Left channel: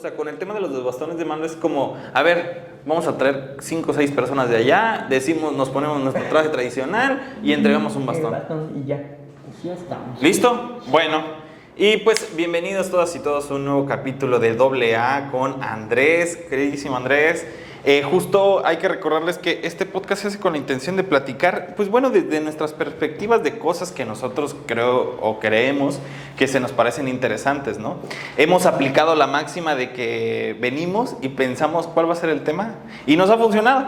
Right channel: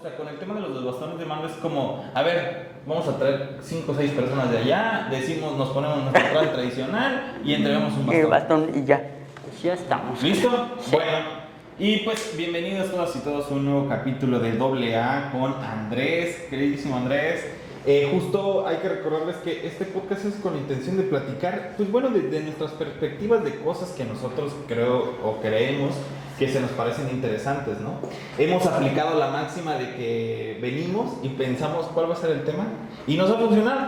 sea, con el tema de los bastones de mando es como, a ver, vamos a traer 5 o 6 personas de allá, decimos, nos ponemos nuestro traje tradicional y entregamos un bastón. El bastón y ya. Ya estamos. ¿Listo? Bueno, y pues bienvenidos todas y todos a un nuevo capítulo de AA con Andrés, queridísimo Andrés. Justo hay que recordarles que este podcast se hace con la intención de platicar, pues bueno, desde nuestras perspectivas de cosas que nosotros creemos que se nos parecen interesantes, ¿no? Hemos aplicado la máxima de que venimos y pensamos cuál va a ser el tema y nos ha funcionado.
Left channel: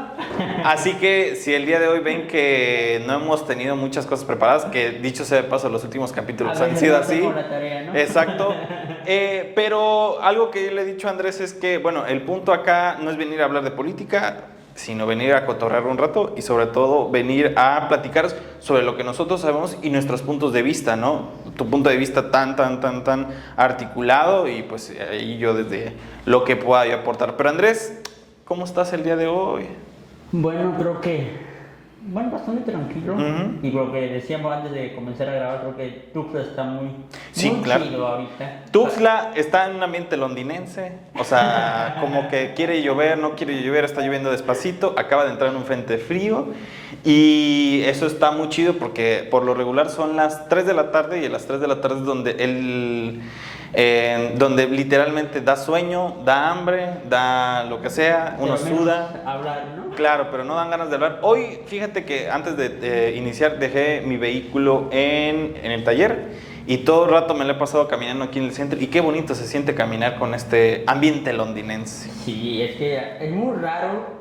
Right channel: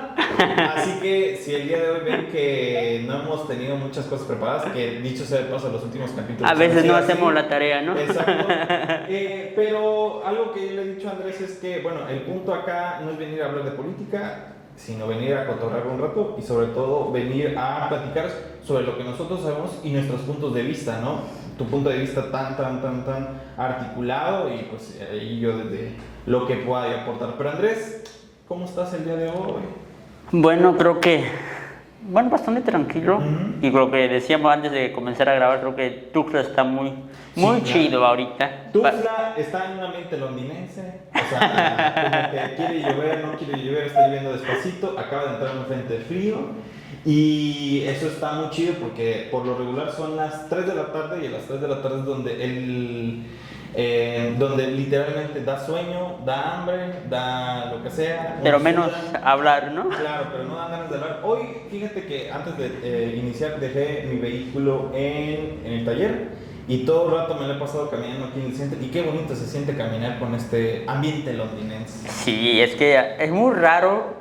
Así que si el día de hoy ven que no hemos tenido muchas cosas preparadas, que dicho sea de paso, los últimos capítulos a veces han sido no así. hacemos la tarea, ¿no? Exacto. Pero algo que yo le he dicho a Andrés es que, bueno, el punto acá no es venir a hablar de política, sino venir a cotorrear un rato y sobre todo venir a platicar sobre lo que nosotros sabemos y nuestros puntos de vista, ¿no? Tu punto de vista tan articulado y pues ahí yo desde lo que pueda yo aportar. Pero Andrés, ¿cómo estás el día de hoy? Bueno, creo que... Bueno, bastante tranquilo. Y lo que decíamos antes de comenzar a grabar, creo que Tuxtla está muy claro, chido ahorita. Tuxtla está en un ambiente londinense, o sea, como que quiere llover, no quiere llover, está lloviendo despacito, acaba de entrar en un frente frío y eso está muy chido porque por lo regular son las 3 de la tarde y a las 3 de la tarde es donde donde literalmente da sueño, da hambre, da lo que sea. Pero menos hablar, ¿no? Claro, pero no dan ganas de hablar. Hoy, fíjate que antes de iniciar dejé mi vehículo en el taller y todo el rato me lo he pasado caminando aquí en el centro y qué bonito se siente caminar con este ambiente londinense. Sí, es que es muy raro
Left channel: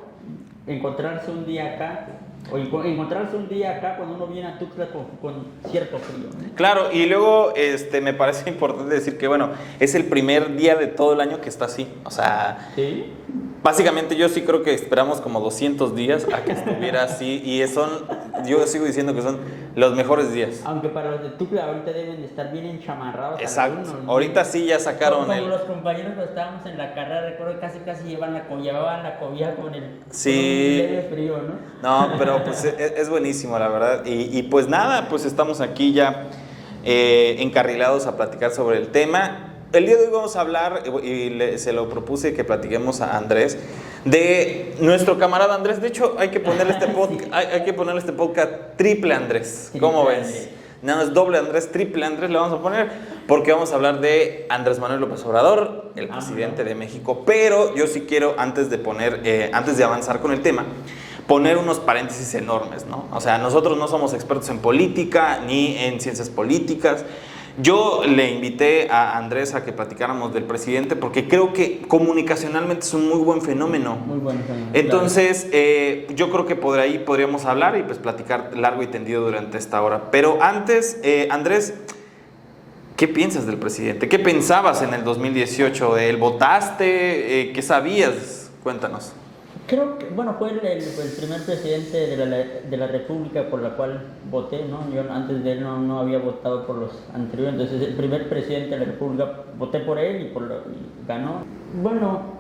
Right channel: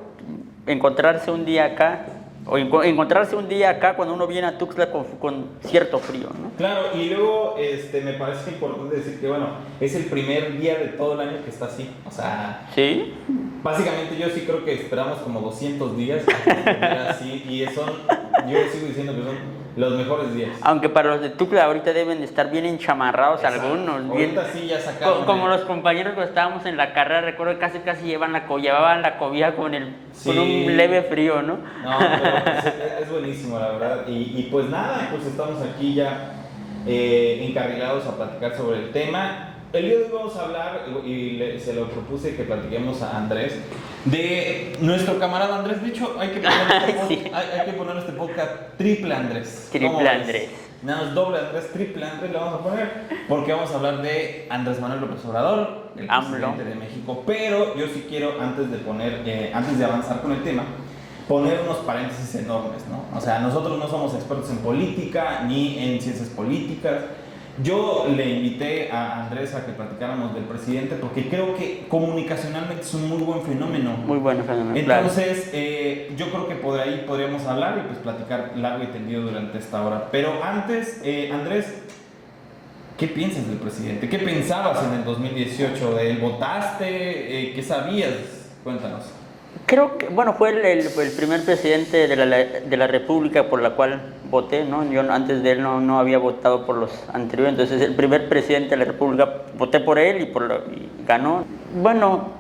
encontrarse un día acá. O encontrarse un día acá cuando uno viene a Tuxtla con cierto frío, ¿no? Claro, y luego me parece importante decir que, bueno, es el primer día de todo el año que está así. O sea, ¿sí? Básicamente yo sí creo que esperamos como 200 días a que estuviera así y yo sigo diciendo que son los mejores días. Aunque para los de Tuxtla ahorita deben de estar bien enchamarrados. Exacto. Algunos. Ahorita sí ya sacaron. Como los compañeros que estábamos en la carrera, recuerdo que casi llevaban la cobija con un leve frío, ¿no? No, pero pues es buenísimo, la verdad. Y pues nada, pues estamos aquí ya encarrilados a platicar sobre el tema. El día de hoy vamos a hablar, y se lo propuse que platiquemos a Andrés, de nuestro camarada Andrés. De hecho, hay que ponerle este podcast Triple Andrés. ¿Cómo ves? Andrés. No, es doble Andrés, triple Andrés le vamos a poner, porque vamos a hablar de Andrés Manuel López Obrador, el presidente de México. Pero yo sí quiero, antes de avanzar con el tema, poner unos paréntesis enormes, ¿no? O sea, nosotros no somos expertos en política ni en ciencias políticas. Yo le invité a Andrés a que platicáramos del presidente porque creo que comunicacionalmente es un muy buen fenómeno. Muy buen fenómeno. Entonces, claro. Yo creo que por ahí podríamos hablar y pues platicar largo y tendido durante esta hora. Pero antes, Andrés, ¿qué piensas del presidente? ¿Qué pensabas en el 2018 de él? ¿Votaste? ¿Qué sabías? Cuéntanos. Creo que, bueno, fue el primer presidente de la República por la cual voté, ¿no? Yo antes de él no había votado por los anteriores, entonces el primer presidente de la República, voté por él y ganó. Bueno,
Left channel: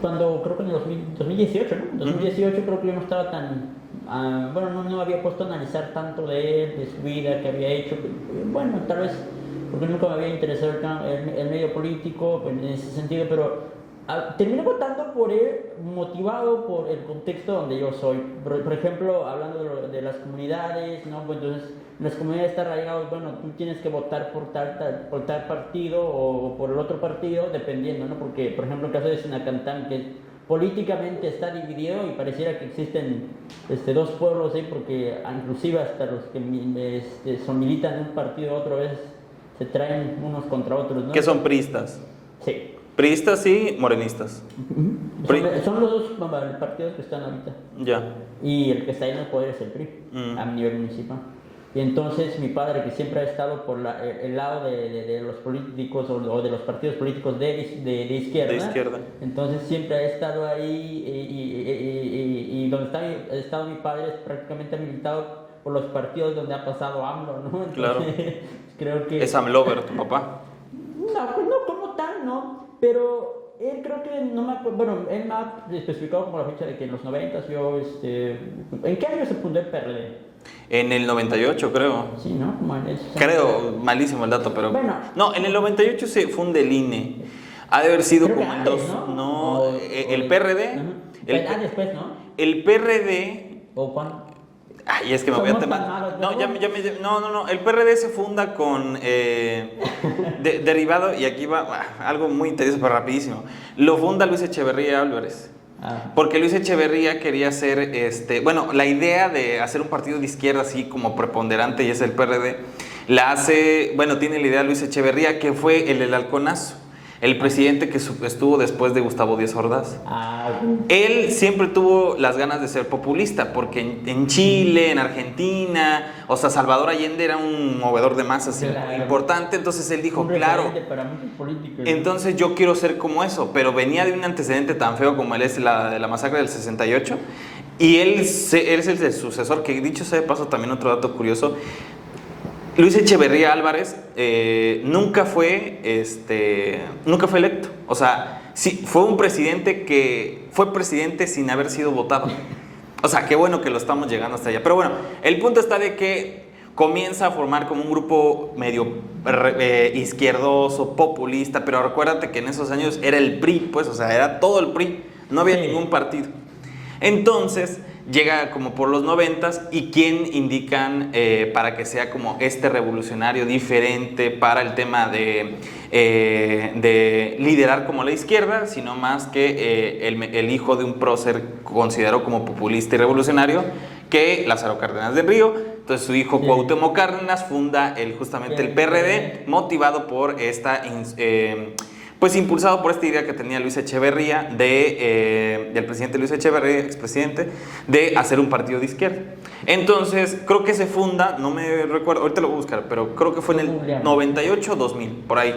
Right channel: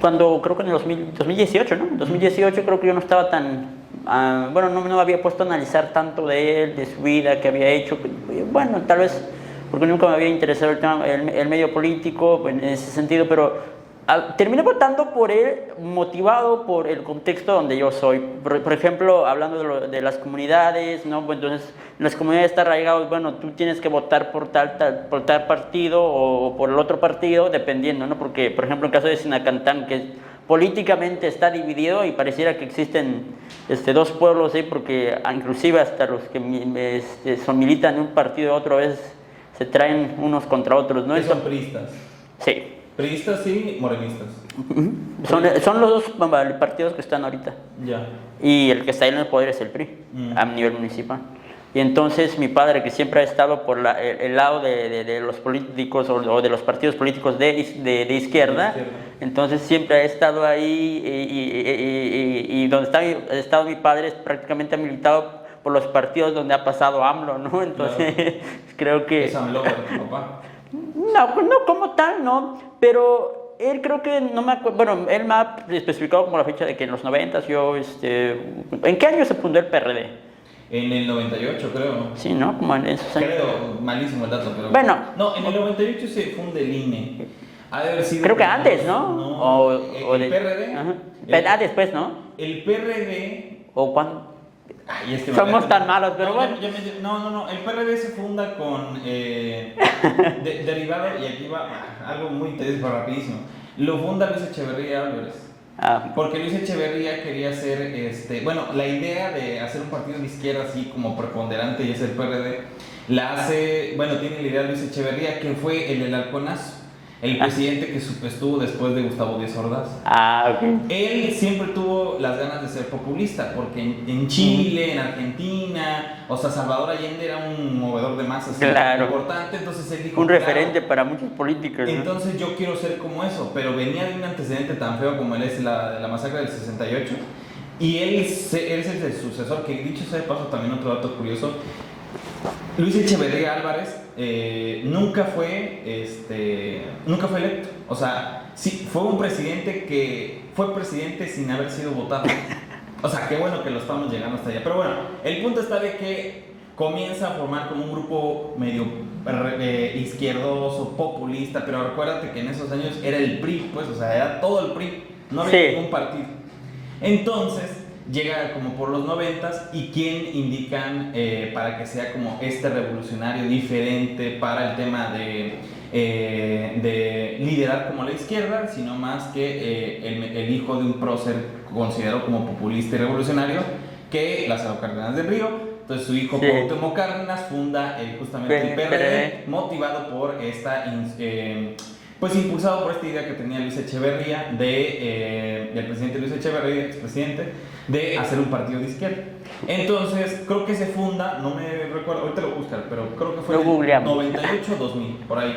cuando creo que en el 2018, ¿no? 2018 creo que yo no estaba tan... no había puesto a analizar tanto de él, de su vida, que había hecho. Bueno, tal vez porque nunca me había interesado el medio político en ese sentido, pero... terminé votando por él motivado por el contexto donde yo soy. Por ejemplo, hablando de las comunidades, ¿no? Pues entonces, en las comunidades está arraigado, bueno, tú tienes que votar por tal partido o por el otro partido, dependiendo, ¿no? Porque, por ejemplo, en el caso de Sinacantán, que políticamente está dividido y pareciera que existen dos pueblos, ¿sí? Porque inclusive hasta los que militan en un partido otro vez se traen unos contra otros, ¿no? ¿Qué son priistas? Sí. Priistas y morenistas. Son los dos partidos que están ahorita. Ya. Y el que está ahí en el poder es el PRI, a nivel municipal. Y entonces mi padre, que siempre ha estado por el lado de los políticos o de los partidos políticos de izquierda, entonces siempre ha estado ahí y donde ha estado mi padre prácticamente ha militado por los partidos donde ha pasado AMLO, ¿no? Entonces claro. Creo que... ¿Es AMLover tu papá? No como tal, no, pero él creo que, no me acuerdo, bueno, él me ha especificado como la fecha de que en los 90 yo, ¿en qué año se fundó el PRD? En el 98, creo. Sí, ¿no? Como en esos años. Creo, malísimo el dato, pero... Bueno. No, en el 98 se funde el INE. Ha de haber sido... Creo que como antes, ¿no? No, el PRD. Ajá. Después, ¿no? El PRD... ¿O cuándo? Ay, es que Somos tan malos. No, el PRD se funda con derivado, y aquí va algo muy interesante, pero rapidísimo. Lo funda Luis Echeverría Álvarez. Porque Luis Echeverría quería hacer, la idea de hacer un partido de izquierda así como preponderante, y es el PRD, tiene la idea Luis Echeverría, que fue el del halconazo. El presidente que estuvo después de Gustavo Díaz Ordaz. Ok. Él siempre tuvo las ganas de ser populista, porque en Chile, en Argentina, o sea, Salvador Allende era un movedor de masas importante, entonces él dijo, un referente para muchos políticos, ¿no? Entonces yo quiero ser como eso, pero venía de un antecedente tan feo como él es de la masacre del 68, y él es el sucesor, que dicho sea de paso, también otro dato curioso, Luis Echeverría Álvarez nunca fue electo. O sea, sí, fue un presidente que fue presidente sin haber sido votado. O sea, qué bueno que lo estamos llegando hasta allá. Pero bueno, el punto está de que comienza a formar como un grupo medio izquierdoso, populista, pero recuérdate que en esos años era el PRI, pues, o sea, era todo el PRI. No había ningún partido. Entonces... llega como por los 90s, y quién indican para que sea como este revolucionario diferente para el tema de liderar como la izquierda, sino más que el hijo de un prócer considerado como populista y revolucionario, que Lázaro Cárdenas del Río. Entonces su hijo Cuauhtémoc Cárdenas funda justamente el PRD, motivado por esta... pues impulsado por esta idea que tenía Luis Echeverría, del presidente Luis Echeverría, expresidente, de hacer un partido de izquierda. Entonces, creo que se funda, no me recuerdo, ahorita lo voy a buscar, pero creo que fue en el 98 o 2000, por ahí.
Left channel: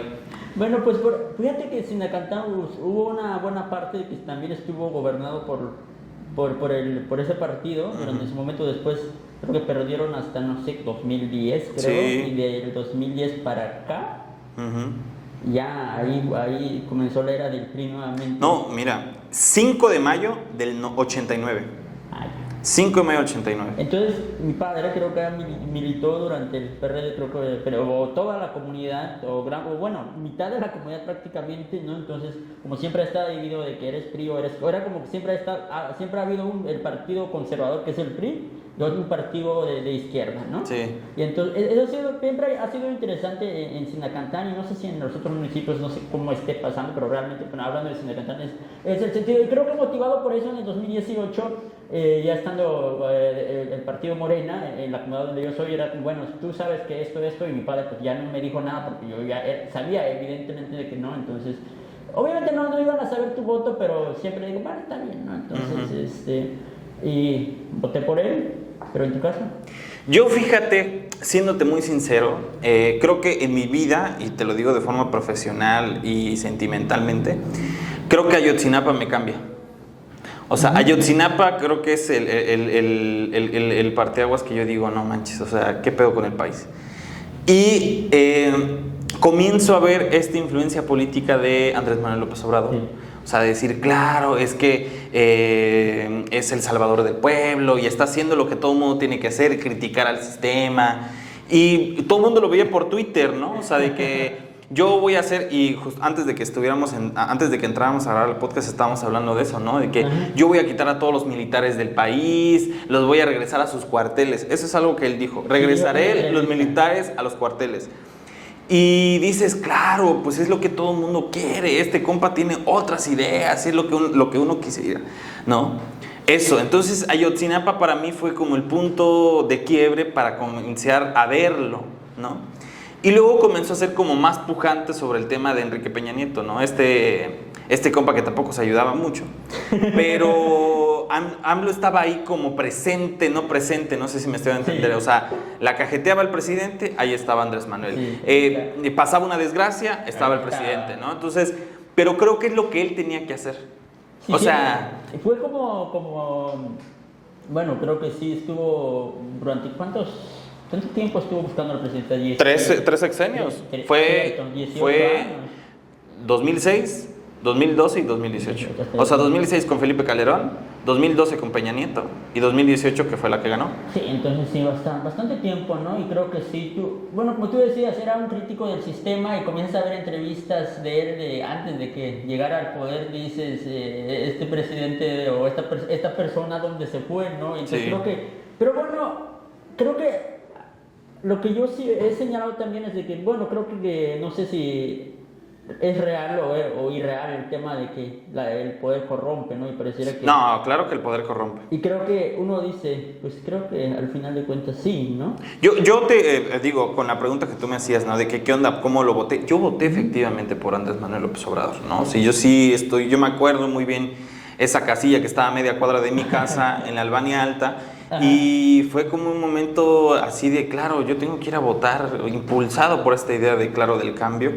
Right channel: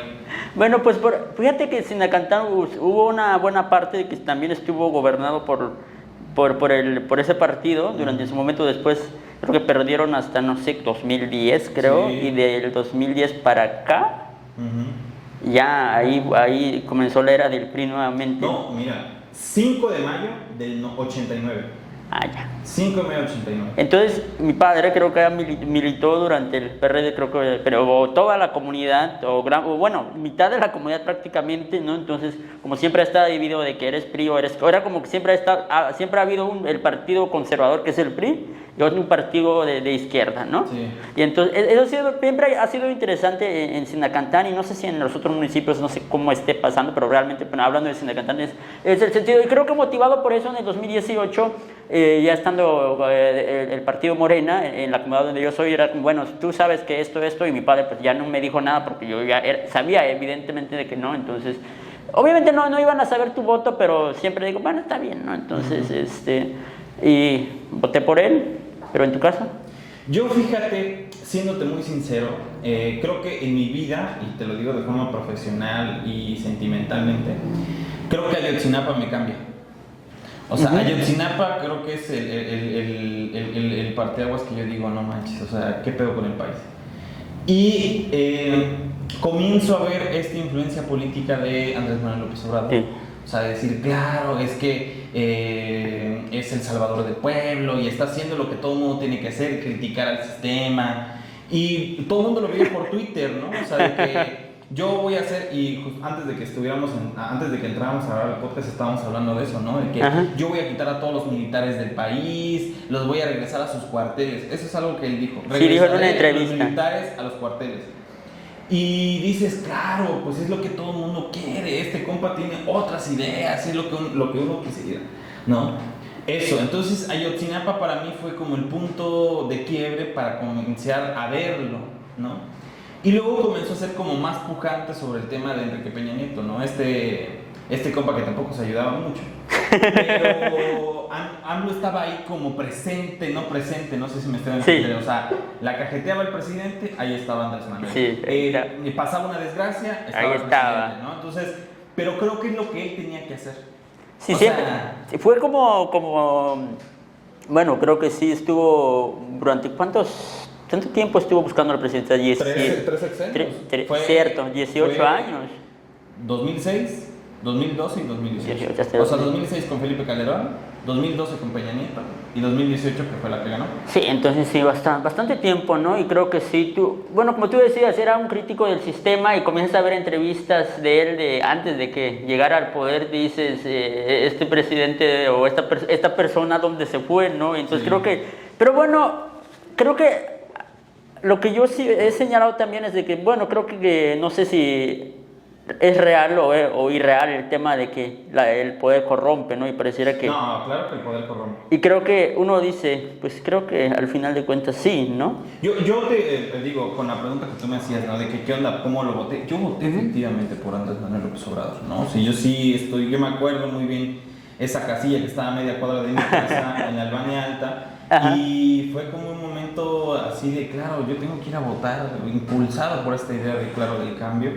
Bueno, pues fíjate que Sinacantán hubo una buena parte de que también estuvo gobernado por ese partido durante su momento. Después creo que perdieron hasta, no sé, 2010, creo, y del 2010 para acá... Ya ahí comenzó la era del PRI nuevamente. No, mira, 5 de mayo del 89. Ya. 5 de mayo del 89. Entonces, mi padre creo que militó durante el PRD, creo que, pero toda la comunidad, mitad de la comunidad prácticamente, ¿no? Entonces, como siempre está dividido de que eres PRI o eres... Era como que siempre ha habido el partido conservador, que es el PRI, y otro un partido de izquierda, ¿no? Sí. Y entonces, eso siempre ha sido interesante en Sinacantán, y no sé si en los otros municipios, no sé cómo esté pasando, pero realmente, hablando de Sinacantán, es el sentido, y creo que motivado por eso en el 2018, ya estando el partido Morena, en la comunidad donde yo soy, era como, bueno, tú sabes que esto, y mi padre pues ya no me dijo nada, porque yo ya sabía evidentemente de que no, entonces, obviamente no iban a saber tu voto, pero siempre digo, bueno, está bien, ¿no? Entonces, y voté por él. ¿Pero en tu caso? Yo, fíjate, siéndote muy sincero, creo que en mi vida, y te lo digo de forma profesional y sentimentalmente, creo que Ayotzinapa me cambia. O sea, Ayotzinapa creo que es el parteaguas que yo digo, no manches, o sea, ¿qué pedo con el país? Y comienzo a ver esta influencia política de Andrés Manuel López Obrador. Sí. O sea, decir, claro, es que es el salvador del pueblo y está haciendo lo que todo el mundo tiene que hacer, criticar al sistema. Y todo el mundo lo veía por Twitter, ¿no? O sea, de que yo voy a hacer, y antes de que entráramos a grabar el podcast estábamos hablando de eso, ¿no? De que yo voy a quitar a todos los militares del país, los voy a regresar a sus cuarteles. Eso es algo que él dijo. Regresaré los militares a los cuarteles. Y dices, claro, pues es lo que todo el mundo quiere, este compa tiene otras ideas, es lo que uno quisiera, ¿no? Eso, entonces Ayotzinapa para mí fue como el punto de quiebre para comenzar a verlo, ¿no? Y luego comenzó a ser como más pujante sobre el tema de Enrique Peña Nieto, ¿no? Este compa que tampoco se ayudaba mucho, pero AMLO estaba ahí como presente, no sé si me estoy dando a entender. Sí. O sea, la cajeteaba el presidente, ahí estaba Andrés Manuel. Sí, pasaba una desgracia, estaba el presidente, ¿no? Entonces, pero creo que es lo que él tenía que hacer. Sí, o sea, fue como, bueno, creo que sí estuvo durante ¿cuánto tiempo estuvo buscando al presidente? 3 sexenios. Cierto, 18 años. 2006, 2012 y 2018. Hasta O sea, 2016 con Felipe Calderón, 2012 con Peña Nieto y 2018 que fue la que ganó. Sí, entonces sí, bastante tiempo, ¿no? Y creo que sí, bueno, como tú decías, era un crítico del sistema y comienzas a ver entrevistas de él antes de que llegara al poder, dices, este presidente o esta persona, ¿dónde se fue, no? Entonces Sí. creo que, pero bueno, creo que lo que yo sí he señalado también es de que, bueno, creo que no sé si es real o irreal el tema de que el poder corrompe, ¿no? Y pareciera que... No, claro que el poder corrompe. Y creo que uno dice, pues creo que al final de cuentas sí, ¿no? Yo te digo, con la pregunta que tú me hacías, ¿no? De que qué onda, cómo lo voté. Yo voté efectivamente por Andrés Manuel López Obrador, ¿no? Sí, yo me acuerdo muy bien esa casilla que estaba a media cuadra de mi casa en la Albania Alta. Ajá. Y fue como un momento así de, claro, yo tengo que ir a votar, impulsado por esta idea de, claro, del cambio.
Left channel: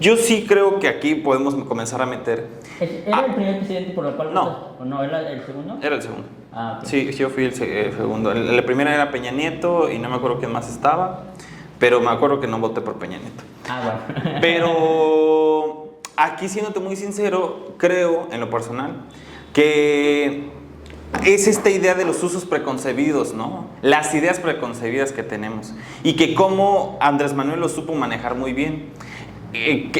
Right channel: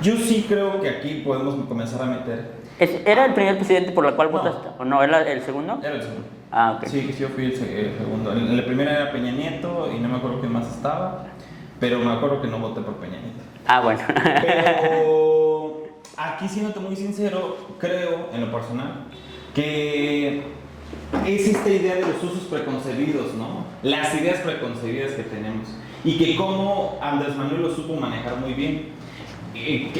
Yo sí creo que aquí podemos comenzar a meter... ¿Era el primer presidente por el cual No. votaste? ¿O no? ¿Era el segundo? Era el segundo. Ah, ok. Sí, yo fui el segundo. El primero era Peña Nieto y no me acuerdo quién más estaba, pero me acuerdo que no voté por Peña Nieto. Ah, bueno. Pero aquí, siéndote muy sincero, creo, en lo personal, que es esta idea de los usos preconcebidos, ¿no? Las ideas preconcebidas que tenemos. Y que como Andrés Manuel lo supo manejar muy bien.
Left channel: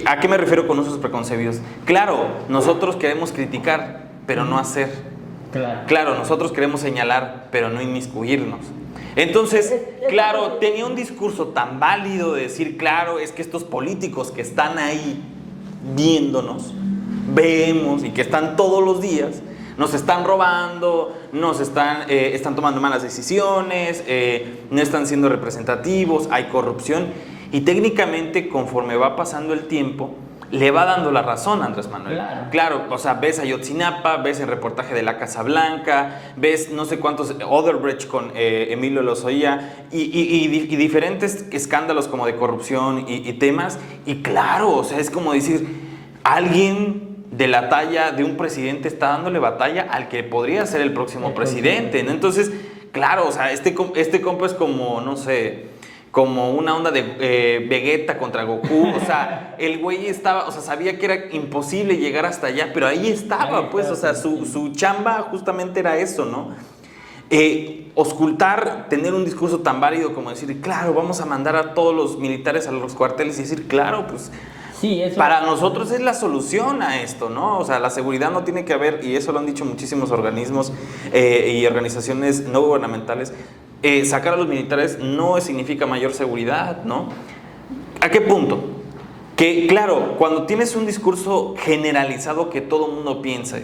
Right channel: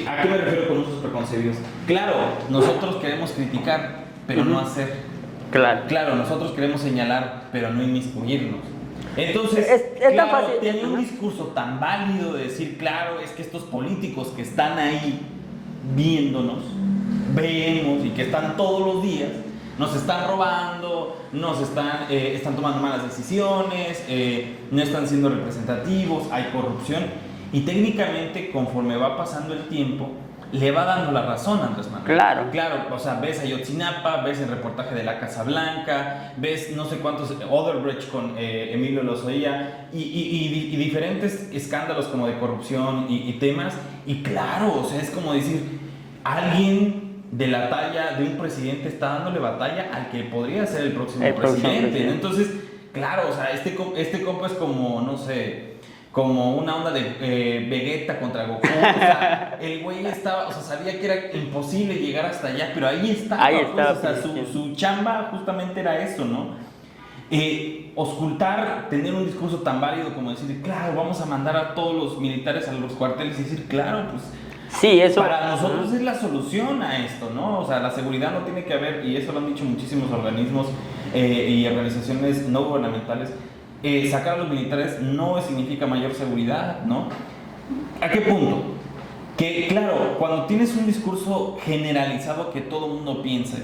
¿A qué me refiero con usos preconcebidos? Claro, nosotros queremos criticar, pero no hacer. Claro. Claro, nosotros queremos señalar, pero no inmiscuirnos. Entonces, Es claro, tan fácil. tenía un discurso tan válido de decir, claro, es que estos políticos que están ahí viéndonos, vemos y que están todos los días, nos están robando, están tomando malas decisiones, no están siendo representativos, hay corrupción. Y técnicamente, conforme va pasando el tiempo, le va dando la razón a Andrés Manuel. Claro. Claro, o sea, ves a Ayotzinapa, ves el reportaje de la Casa Blanca, ves no sé cuántos, Oderbrecht con Emilio Lozoya y diferentes escándalos como de corrupción y temas. Y claro, o sea, es como decir, alguien de la talla de un presidente está dándole batalla al que podría ser el próximo presidente, ¿no? Entonces, claro, o sea, este compa es como, no sé, como una onda de Vegeta contra Goku. O sea, el güey estaba, o sea, sabía que era imposible llegar hasta allá, pero ahí estaba, pues, o sea, su chamba justamente era eso, ¿no? Auscultar, tener un discurso tan válido como decir, claro, vamos a mandar a todos los militares a los cuarteles y decir, claro, pues... Sí, eso... Para nosotros es la solución a esto, ¿no? O sea, la seguridad no tiene que haber, y eso lo han dicho muchísimos organismos y organizaciones no gubernamentales, sacar a los militares no significa mayor seguridad, ¿no? ¿A qué punto? Que, claro, cuando tienes un discurso generalizado que todo el mundo piensa,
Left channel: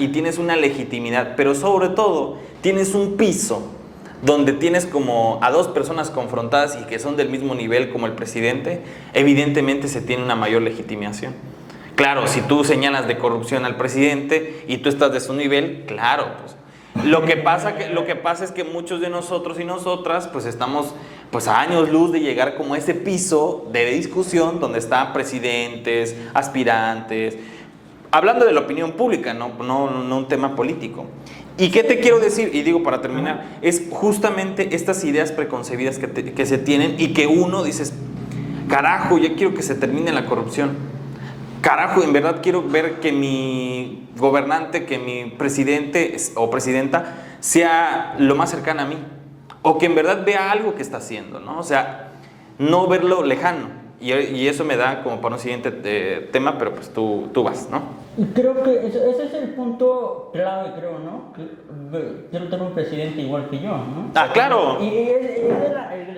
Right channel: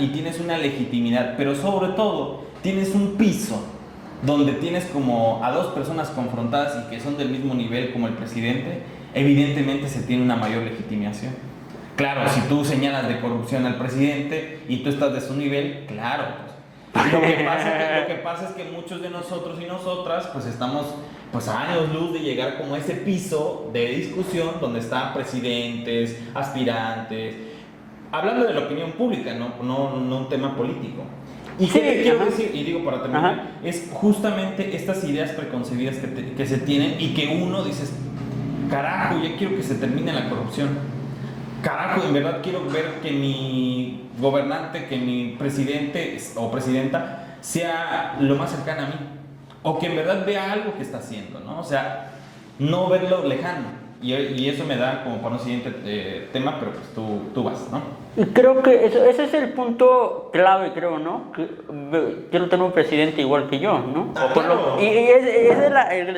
y tienes una legitimidad, pero sobre todo tienes un piso donde tienes como a dos personas confrontadas y que son del mismo nivel como el presidente, evidentemente se tiene una mayor legitimación. Claro, si tú señalas de corrupción al presidente y tú estás de su nivel, claro, pues lo que pasa es que muchos de nosotros y nosotras pues estamos pues a años luz de llegar como a ese piso de discusión donde están presidentes, aspirantes, hablando de la opinión pública, no un tema político. ¿Y qué te quiero decir? Y digo para terminar, es justamente estas ideas preconcebidas que se tienen y que uno dices, carajo, ya quiero que se termine la corrupción. Carajo, en verdad quiero ver que mi gobernante, que mi presidente o presidenta sea lo más cercano a mí. O que en verdad vea algo que está haciendo, ¿no? O sea, no verlo lejano. Y eso me da como para un siguiente tema, pero pues tú vas, ¿no? Y creo que ese es el punto clave, creo, ¿no? Que quiero tener un presidente igual que yo, ¿no? Ah, claro. Y es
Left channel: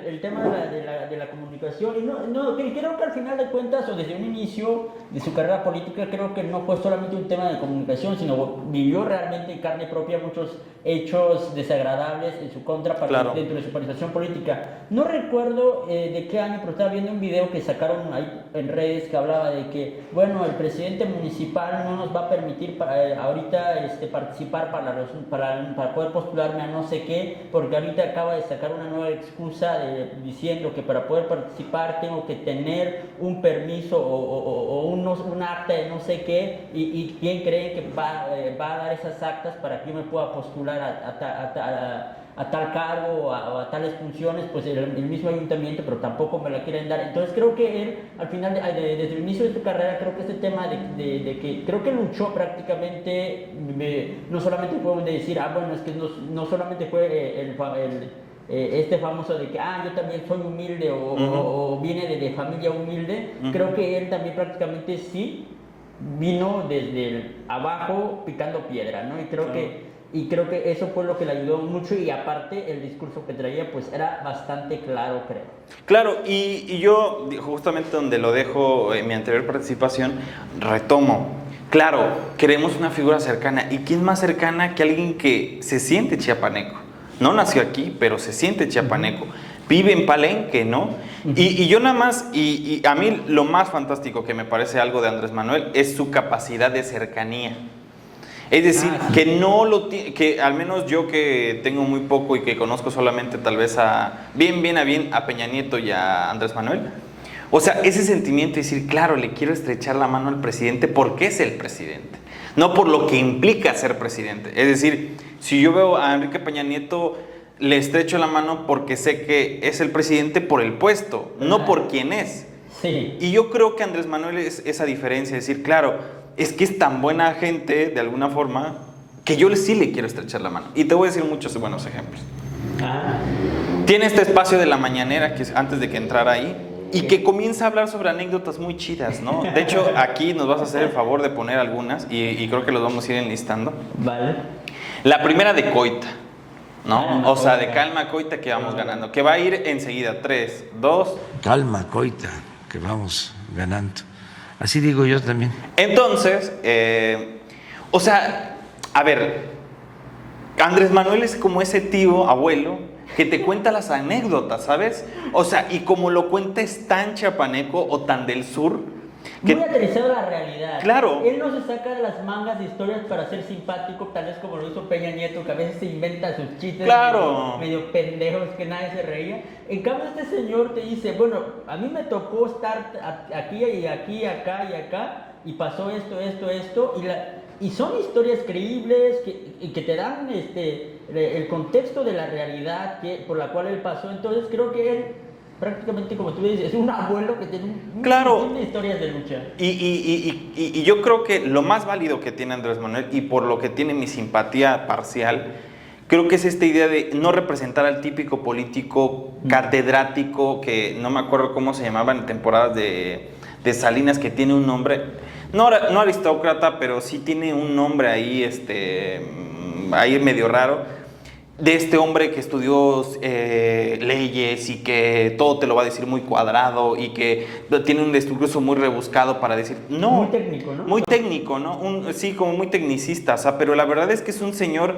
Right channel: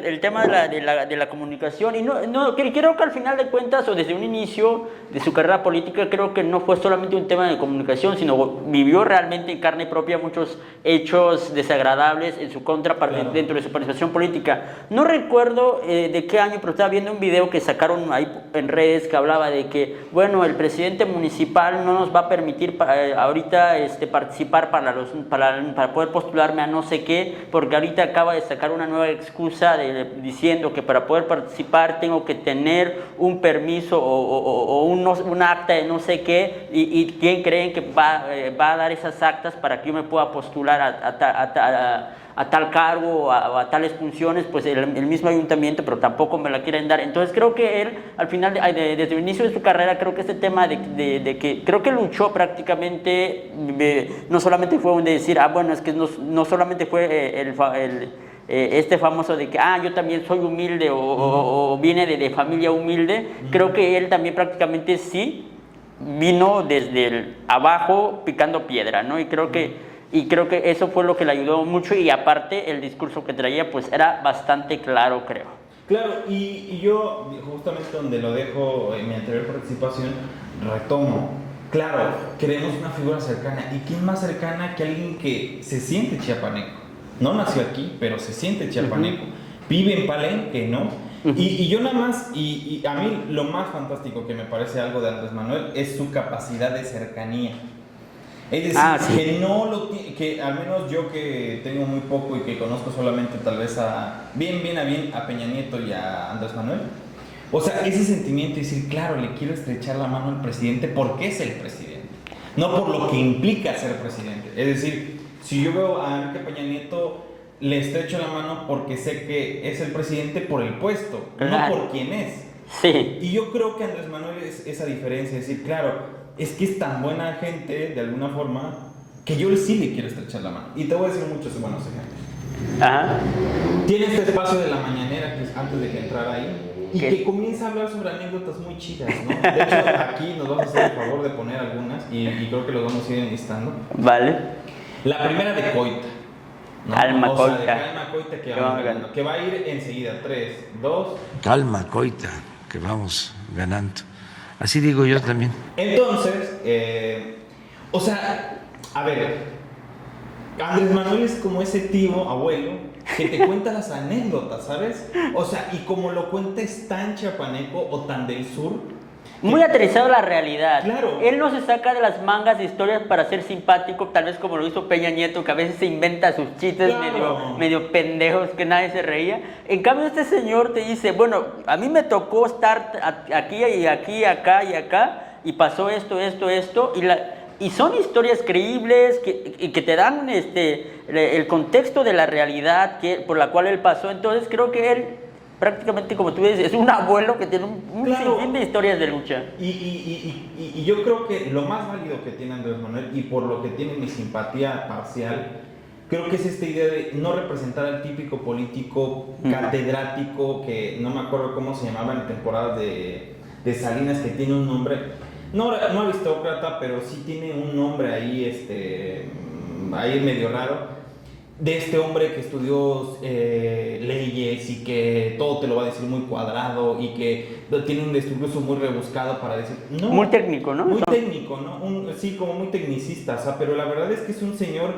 el tema de la comunicación. Y creo que al final de cuentas, o desde un inicio de su carrera política, creo que no fue solamente un tema de comunicación, sino vivió realmente en carne propia muchos hechos desagradables en su contra Claro. dentro de su participación política. No recuerdo de qué año, pero estaba viendo un video que sacaron ahí en redes que hablaba de que, bueno, el presidente municipal no nos va a permitir ahorita participar para poder postularme a no sé qué, porque ahorita acaba de sacar una nueva excusa diciendo que para poder participar tengo que tener un permiso o un acta de no sé qué, y ¿quién creen que va a dar esas actas para que yo me pueda postular a a tal cargo o a tales funciones, pues el mismo ayuntamiento, pero tampoco me la quieren dar. Entonces creo que él, al final, desde el inicio de su carrera, creo que este tema de que creo que luchó prácticamente, no solamente fue un de decir, bueno, es que no solamente fue este famoso de que, yo también soy humilde o viene de familia humilde. Creo que él también prácticamente sí vino desde el abajo picando piedra, ¿no? Y creo que eso fue lo que le ayudó mucho, y aparte el discurso que traía pues era bastante claro, creo. Claro, y yo justamente donde lo dejo en mi anterior participación, retomo. Claro, queremos una figura cercana. ¿Y quién más cercana que alguien que se siente chiapaneco? No nació aquí, pero se siente chiapaneco. Vive en Palenque, ¿no? Y yo nada más, y a mí lo más fantástico que me parece algo de Andrés Manuel es su capacidad de cercanía. Es decir, sí. que al menos yo que tengo muy poco y que conozco solamente tal vez a Peña Nieto y a Andrés Manuel. O sea, ese sentimiento de decir, claro, le quiero estrechar la mano al presidente porque es el presidente, no por lo que implica ser presidente. Es decir, si yo veo a Enrique Peña Nieto, le estrecho la mano porque sé que es el presidente por el puesto, no por quién es. Sí. Y yo creo que Andrés Manuel es esa diferencia, es decir, claro, es que es tan buena gente, de alguna forma, que yo sí le quiero estrechar la mano. Y te voy a decir muchos buenos ejemplos. Ajá. Tiene este espacio de la mañanera, que es antes de que entrara ahí, y que comienza a hablar sobre anécdotas muy chidas, ¿no? De hecho, aquí nos vas a hacer el favor de poner algunas, y creo que los vamos a ir enlistando. Vale. La primera de Coita, ¿no? Calma, o sea, Coita. de Calma Coita, que vamos ganando, que va a ir enseguida. 3, 2... Calma, Coita, que vamos ganando. Así digo yo también. Entonces, o sea, a ver, Andrés Manuel es como ese tío, abuelo, que te cuenta las anécdotas, ¿sabes? O sea, y como lo cuenta es tan chiapaneco o tan del sur. Muy aterrizado a la realidad. Claro. Él no se saca de las mangas de historias para ser simpático, tal vez como lo hizo Peña Nieto, que a veces se inventa sus chistes medio pendejos que nadie se reía. En cambio, este señor te dice, bueno, a mí me tocó estar aquí y aquí, acá y acá, y pasó esto, y son historias creíbles que te dan el contexto de la realidad por la cual él pasó. Entonces creo que él, prácticamente, como tú dices, es un abuelo que tiene un sinfín de historias de lucha. Y yo creo que lo más válido que tiene Andrés Manuel, y por lo que tiene mi simpatía parcial, creo que es esta idea de no representar al típico político catedrático, que no me acuerdo cómo se llamaba en temporadas de Salinas, que tiene un nombre, no aristócrata, pero sí tiene un nombre ahí, ahí medio raro, de este hombre que estudió leyes y que todo te lo va a decir muy cuadrado y que tiene un discurso muy rebuscado para decir... No, muy técnico, ¿no? Muy técnico, ¿no? Sí, como muy tecnicista, o sea, pero la verdad es que es un señor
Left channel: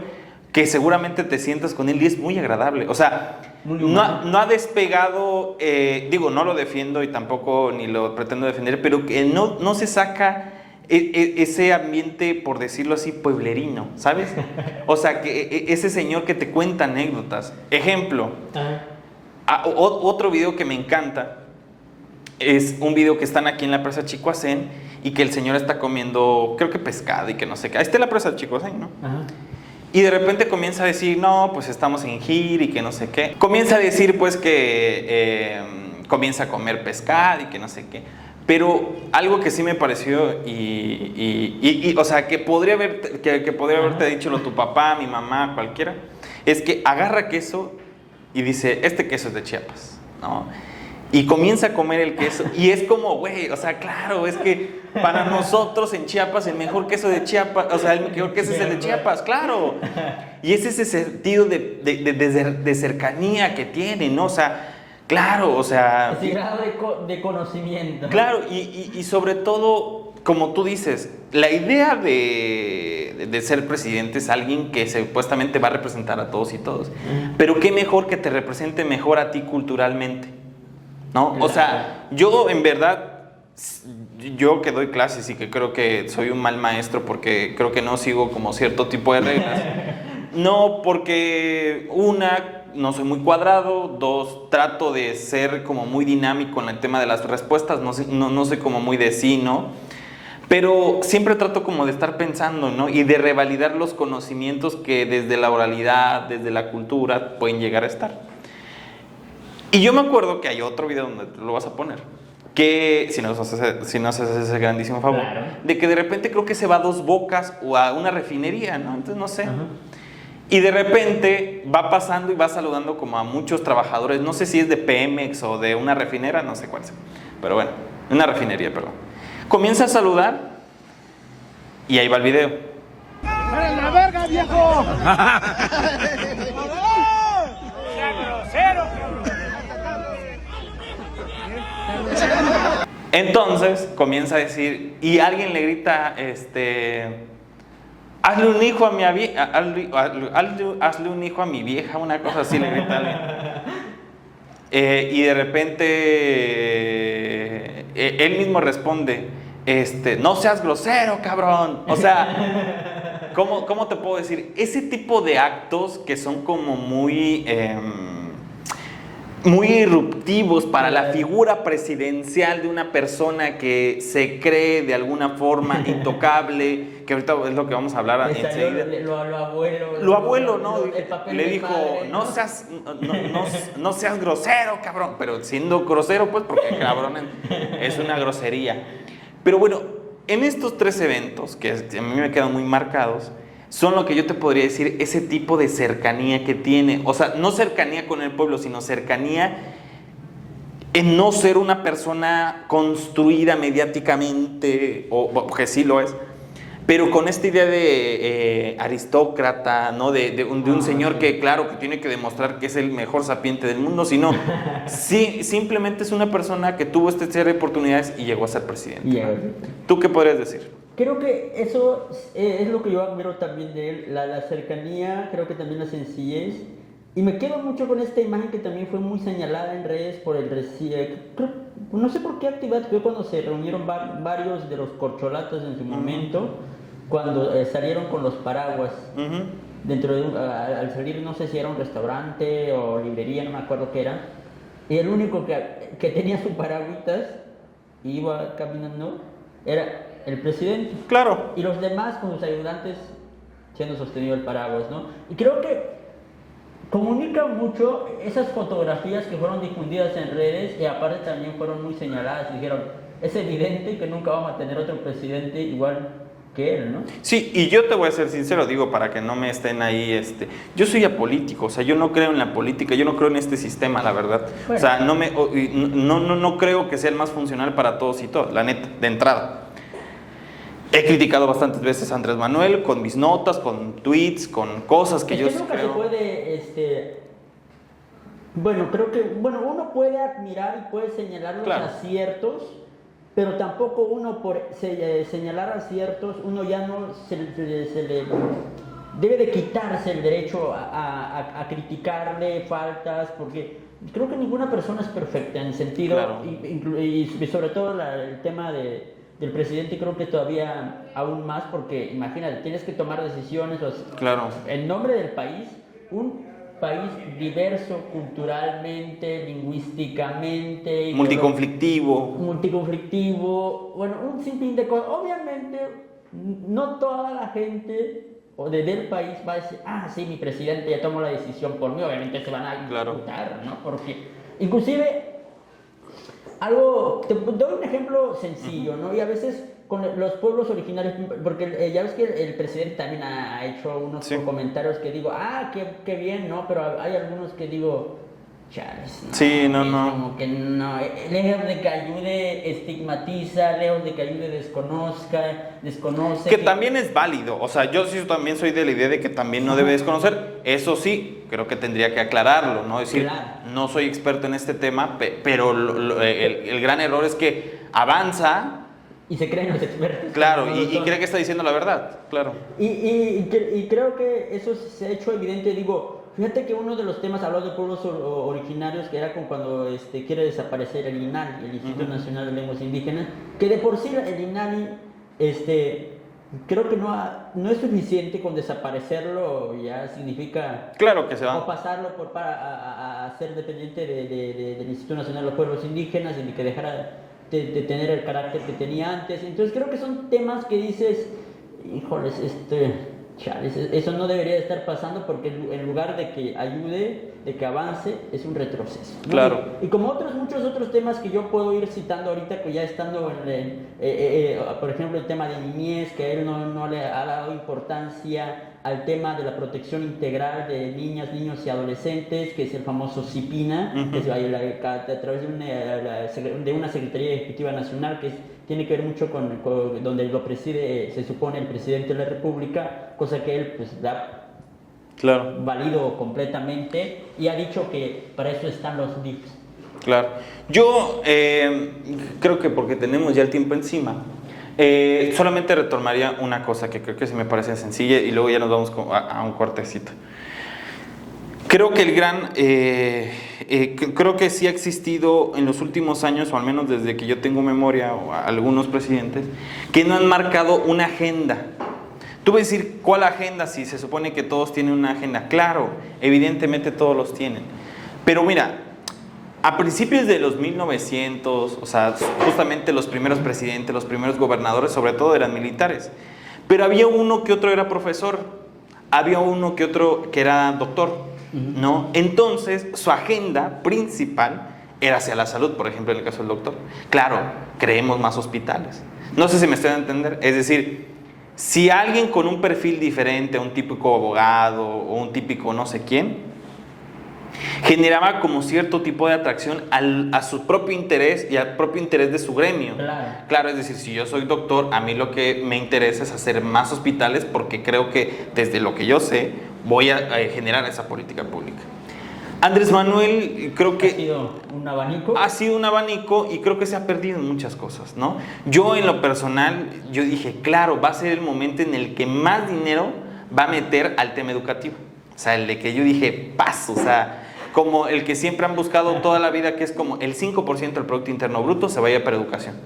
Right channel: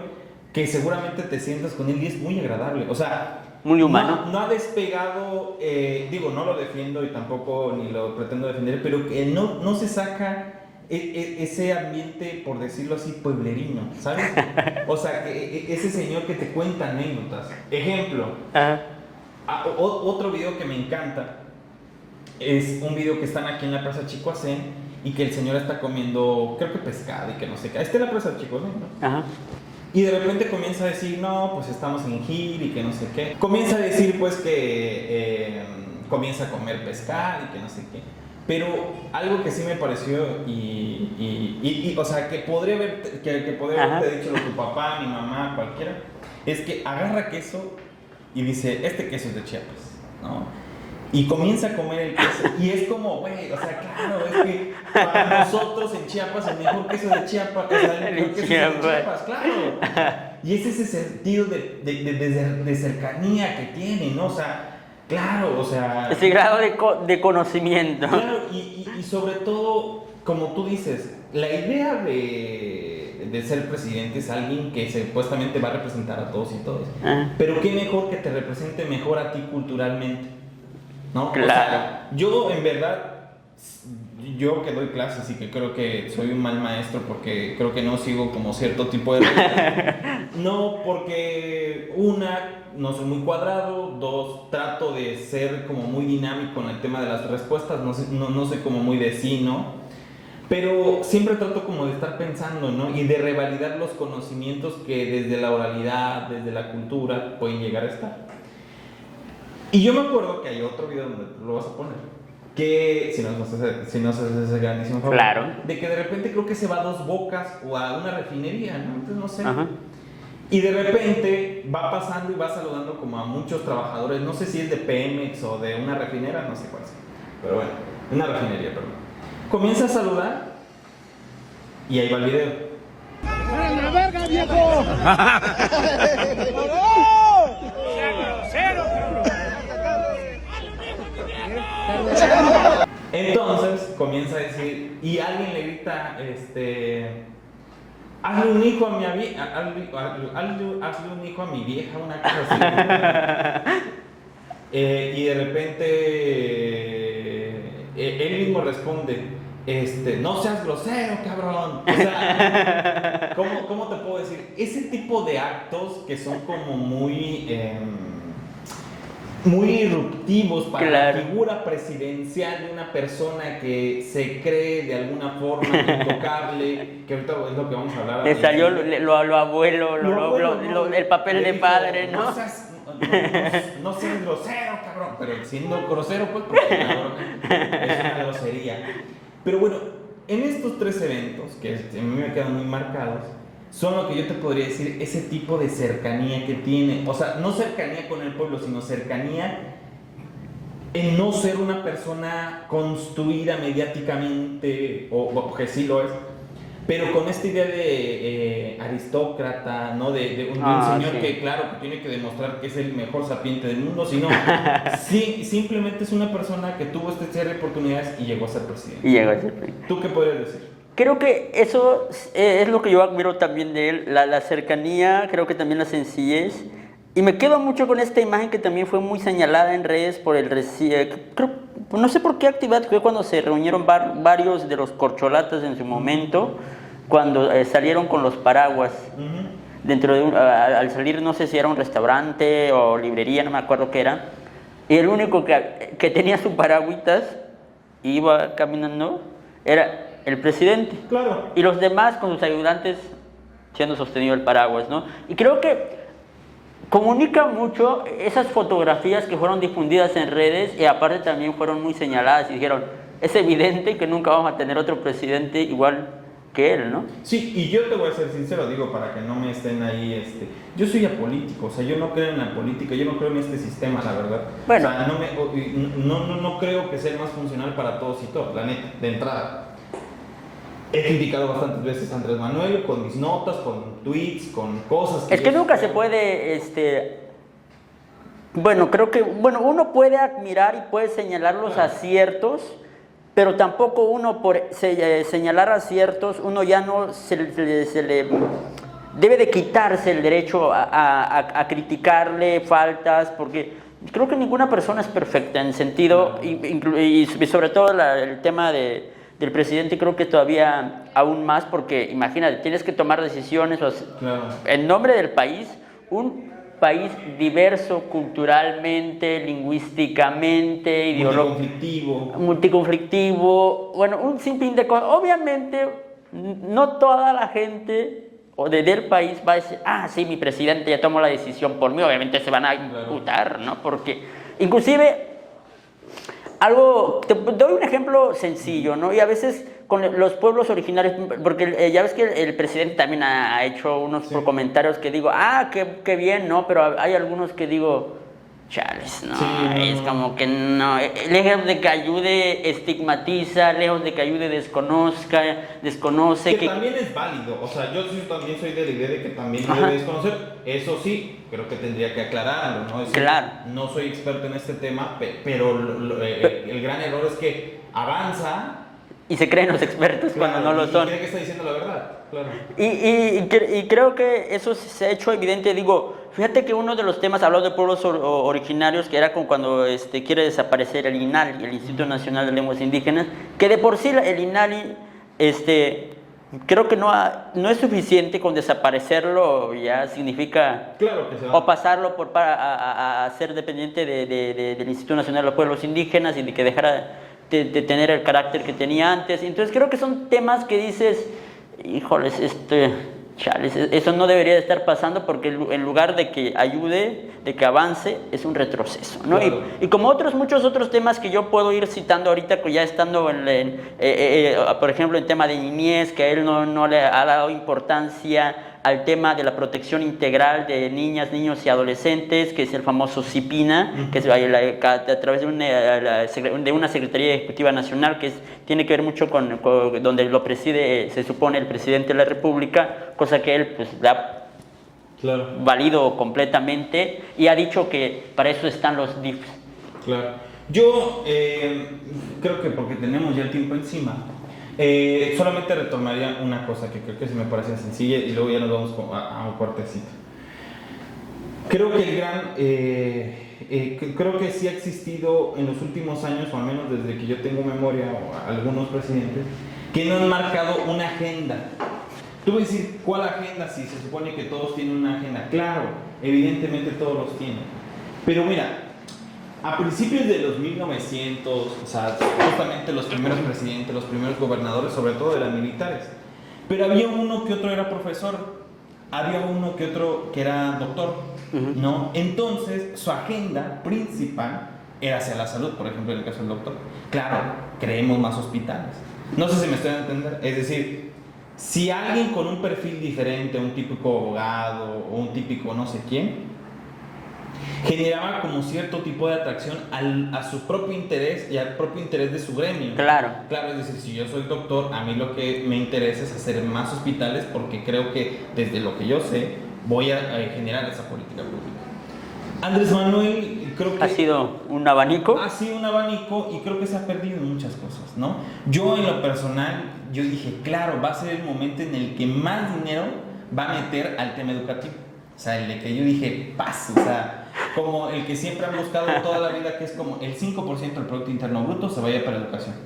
que seguramente te sientas con él y es muy agradable, o sea... Muy humano. No ha despegado, digo, no lo defiendo y tampoco ni lo pretendo defender, pero que no se saca ese ambiente, por decirlo así, pueblerino, ¿sabes? O sea, que ese señor que te cuenta anécdotas. Ejemplo, otro video que me encanta es un video que están aquí en la presa Chicoacén y que el señor está comiendo, creo que pescado y que no sé qué. Ahí está la presa Chicoacén, ¿no? Ajá. Y de repente comienza a decir, no, pues estamos en gira y que no sé qué. Comienza a decir, pues, que comienza a comer pescado y que no sé qué. Pero algo que sí me pareció, o sea, que podría haberte dicho tu papá, mi mamá, cualquiera, es que agarra queso y dice, este queso es de Chiapas, ¿no? Y comienza a comer el queso. Y es como, güey, o sea, claro, es que para nosotros en Chiapas el mejor queso de Chiapas, o sea, el mejor queso es el de Chiapas, claro. Y es ese sentido de cercanía que tiene, ¿no? O sea, claro, o sea... Ese grado de conocimiento. Claro, y sobre todo, como tú dices, la idea de ser presidente es alguien que supuestamente va a representar a todos y todos. Pero qué mejor que te represente mejor a ti culturalmente, ¿no? Claro. O sea, yo en verdad, yo que doy clases y que creo que soy un mal maestro porque creo que no sigo como cierto tipo de reglas. No, porque no soy muy cuadrado. 2, trato de ser como muy dinámico en el tema de las respuestas. No soy como muy de sí, ¿no? Pero siempre trato como de estar pensando, ¿no? Y de revalidar los conocimientos que desde la oralidad, desde la cultura, pueden llegar a estar. Y yo me acuerdo que hay otro video donde lo vas a poner, que si nos haces ese grandísimo favor, Claro. de que de repente creo que se va a Dos Bocas o a una refinería, ¿no? Entonces no sé. Ajá. Y de repente va pasando y va saludando como a muchos trabajadores, no sé si es de Pemex o de una refinera, no sé cuál es, pero bueno, una refinería, perdón. Comienza a saludar y ahí va el video. ¡Para la verga, viejo! ¡Sea grosero, Entonces comienza a decir, y alguien le grita, hazle un hijo a mi hazle un hijo a mi vieja, una cosa así le gritan. Y de repente él mismo responde, no seas grosero, cabrón. O sea, ¿cómo te puedo decir? Ese tipo de actos que son como muy irruptivos para la figura presidencial de una persona que se cree de alguna forma intocable, que ahorita es lo que vamos a hablar. Le salió lo abuelo, ¿no? el papel Le de dijo, padre, ¿no? No seas grosero, cabrón. Pero siendo grosero, pues, porque cabrón es una grosería. Pero bueno, en estos 3 eventos, que a mí me quedan muy marcados, son lo que yo te podría decir, ese tipo de cercanía que tiene. O sea, no cercanía con el pueblo, sino cercanía en no ser una persona construida mediáticamente, que sí lo es, pero con esta idea de aristócrata, ¿no? De un señor sí. que, claro, que tiene que demostrar que es el mejor sapiente del mundo, sino sí, simplemente es una persona que tuvo esta serie de oportunidades y llegó a ser presidente. ¿Tú qué podrías decir? Creo que eso es lo que yo admiro también de él, la cercanía, creo que también la sencillez. Y me quedo mucho con esta imagen que también fue muy señalada en redes por no sé por qué actividad fue cuando se reunieron varios de los corcholatas en su momento, cuando salieron con los paraguas. Dentro de al salir, no sé si era un restaurante o librería, no me acuerdo qué era. Y el único que tenía su paragüitas y iba caminando era el presidente. Claro. Y los demás con sus ayudantes siendo sostenido el paraguas, ¿no? Y creo que comunica mucho esas fotografías que fueron difundidas en redes y aparte también fueron muy señaladas y dijeron, es evidente que nunca vamos a tener otro presidente igual que él, ¿no? Sí, y yo te voy a ser sincero, digo, para que no me estén ahí, yo soy apolítico, o sea, yo no creo en la política, yo no creo en este sistema, la verdad. Bueno. O sea, no creo que sea el más funcional para todos y todas, la neta, de entrada. He criticado bastantes veces a Andrés Manuel con mis notas, con tweets, con cosas que es que nunca se puede, creo que, uno puede admirar y puede señalar los Claro. aciertos, pero tampoco uno por señalar aciertos, uno ya no se le debe de quitarse el derecho a criticarle faltas, porque creo que ninguna persona es perfecta en el sentido, Claro. y sobre todo el tema del presidente, creo que todavía aún más, porque imagínate, tienes que tomar decisiones Claro. en nombre del país, un país diverso culturalmente, lingüísticamente, multiconflictivo, bueno, un sinfín de cosas. Obviamente, no toda la gente del país va a decir, sí, mi presidente ya tomó la decisión por mí, obviamente se van a imputar, ¿no? Porque, inclusive, te doy un ejemplo sencillo, ¿no? Y a veces con los pueblos originarios, porque ya ves que el presidente también ha hecho unos comentarios que digo, qué bien, ¿no? Pero hay algunos que digo, chales, ¿no? Sí, es como que no. Lejos de que ayude, estigmatiza, lejos de que ayude, desconoce. Que también es válido, o sea, yo sí también soy de la idea de que también no debe desconocer, eso sí, creo que tendría que aclararlo, ¿no? Es decir, Claro. no soy experto en este tema, pero el gran error es que avanza. Y se creen los expertos. Claro, cuando no lo y son. cree que está diciendo la verdad, claro. Y creo que eso se ha hecho evidente. Digo, fíjate que uno de los temas hablado de pueblos originarios, que era cuando quiere desaparecer el INALI, el Instituto Nacional de Lenguas Indígenas, que de por sí el INALI, creo que no es suficiente con desaparecerlo, ya significa... Claro que se va. O pasarlo a ser dependiente del Instituto Nacional de los Pueblos Indígenas y de que dejara de tener el carácter que tenía antes. Entonces creo que son temas que dices, híjoles, chales, eso no debería de estar pasando porque en lugar de que ayude, de que avance, es un retroceso, ¿no? Claro. Y como muchos otros temas que yo puedo ir citando ahorita, ya estando por ejemplo, el tema de niñez, que a él no le ha dado importancia al tema de la protección integral de niñas, niños y adolescentes, que es el famoso CIPINA, que es a través de una Secretaría Ejecutiva Nacional, que tiene que ver mucho con donde lo preside, se supone, el presidente de la República, cosa que él pues le ha valido completamente y ha dicho que para eso están los DIFs. Claro. Yo creo que porque tenemos ya el tiempo encima, solamente retomaría una cosa que creo que se me parece sencilla y luego ya nos vamos a un cortecito. Creo que creo que sí ha existido en los últimos años, o al menos desde que yo tengo memoria, o algunos presidentes, que no han marcado una agenda. Tú vas a decir, ¿cuál agenda? Si se supone que todos tienen una agenda. Claro, evidentemente todos los tienen. Pero mira, a principios de los 1900, o sea, justamente los primeros presidentes, los primeros gobernadores, sobre todo eran militares. Pero había uno que otro era profesor, había uno que otro que era doctor, ¿no? Entonces, su agenda principal era hacia la salud, por ejemplo, en el caso del doctor. Claro, creemos más hospitales. No sé si me estoy dando a entender. Es decir, si alguien con un perfil diferente, un típico abogado o un típico no sé quién, generaba como cierto tipo de atracción a su propio interés y al propio interés de su gremio. Claro, es decir, si yo soy doctor, a mí lo que me interesa es hacer más hospitales porque creo que desde lo que yo sé voy a generar esa política pública. Andrés Manuel, creo que ha sido un abanico. Ha sido un abanico y creo que se ha perdido en muchas cosas, ¿no? Yo en lo personal, yo dije, claro, va a ser el momento en el que más dinero va a meter al tema educativo. O sea, el de que yo dije, paso, o sea, como el que siempre han buscado toda la vida, que es como el 5% del Producto Interno Bruto se vaya para educación.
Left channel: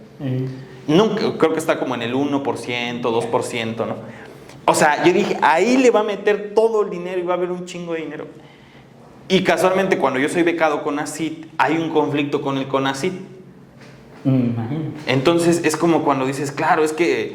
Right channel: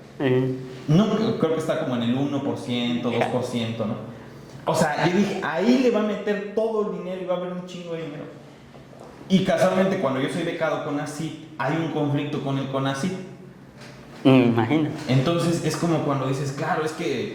Nunca, creo que está como en el 1%, 2%, ¿no? O sea, yo dije, ahí le va a meter todo el dinero y va a haber un chingo de dinero. Y casualmente, cuando yo soy becado con CONACYT, hay un conflicto con el CONACYT. Imagino. Entonces, es como cuando dices, claro, es que,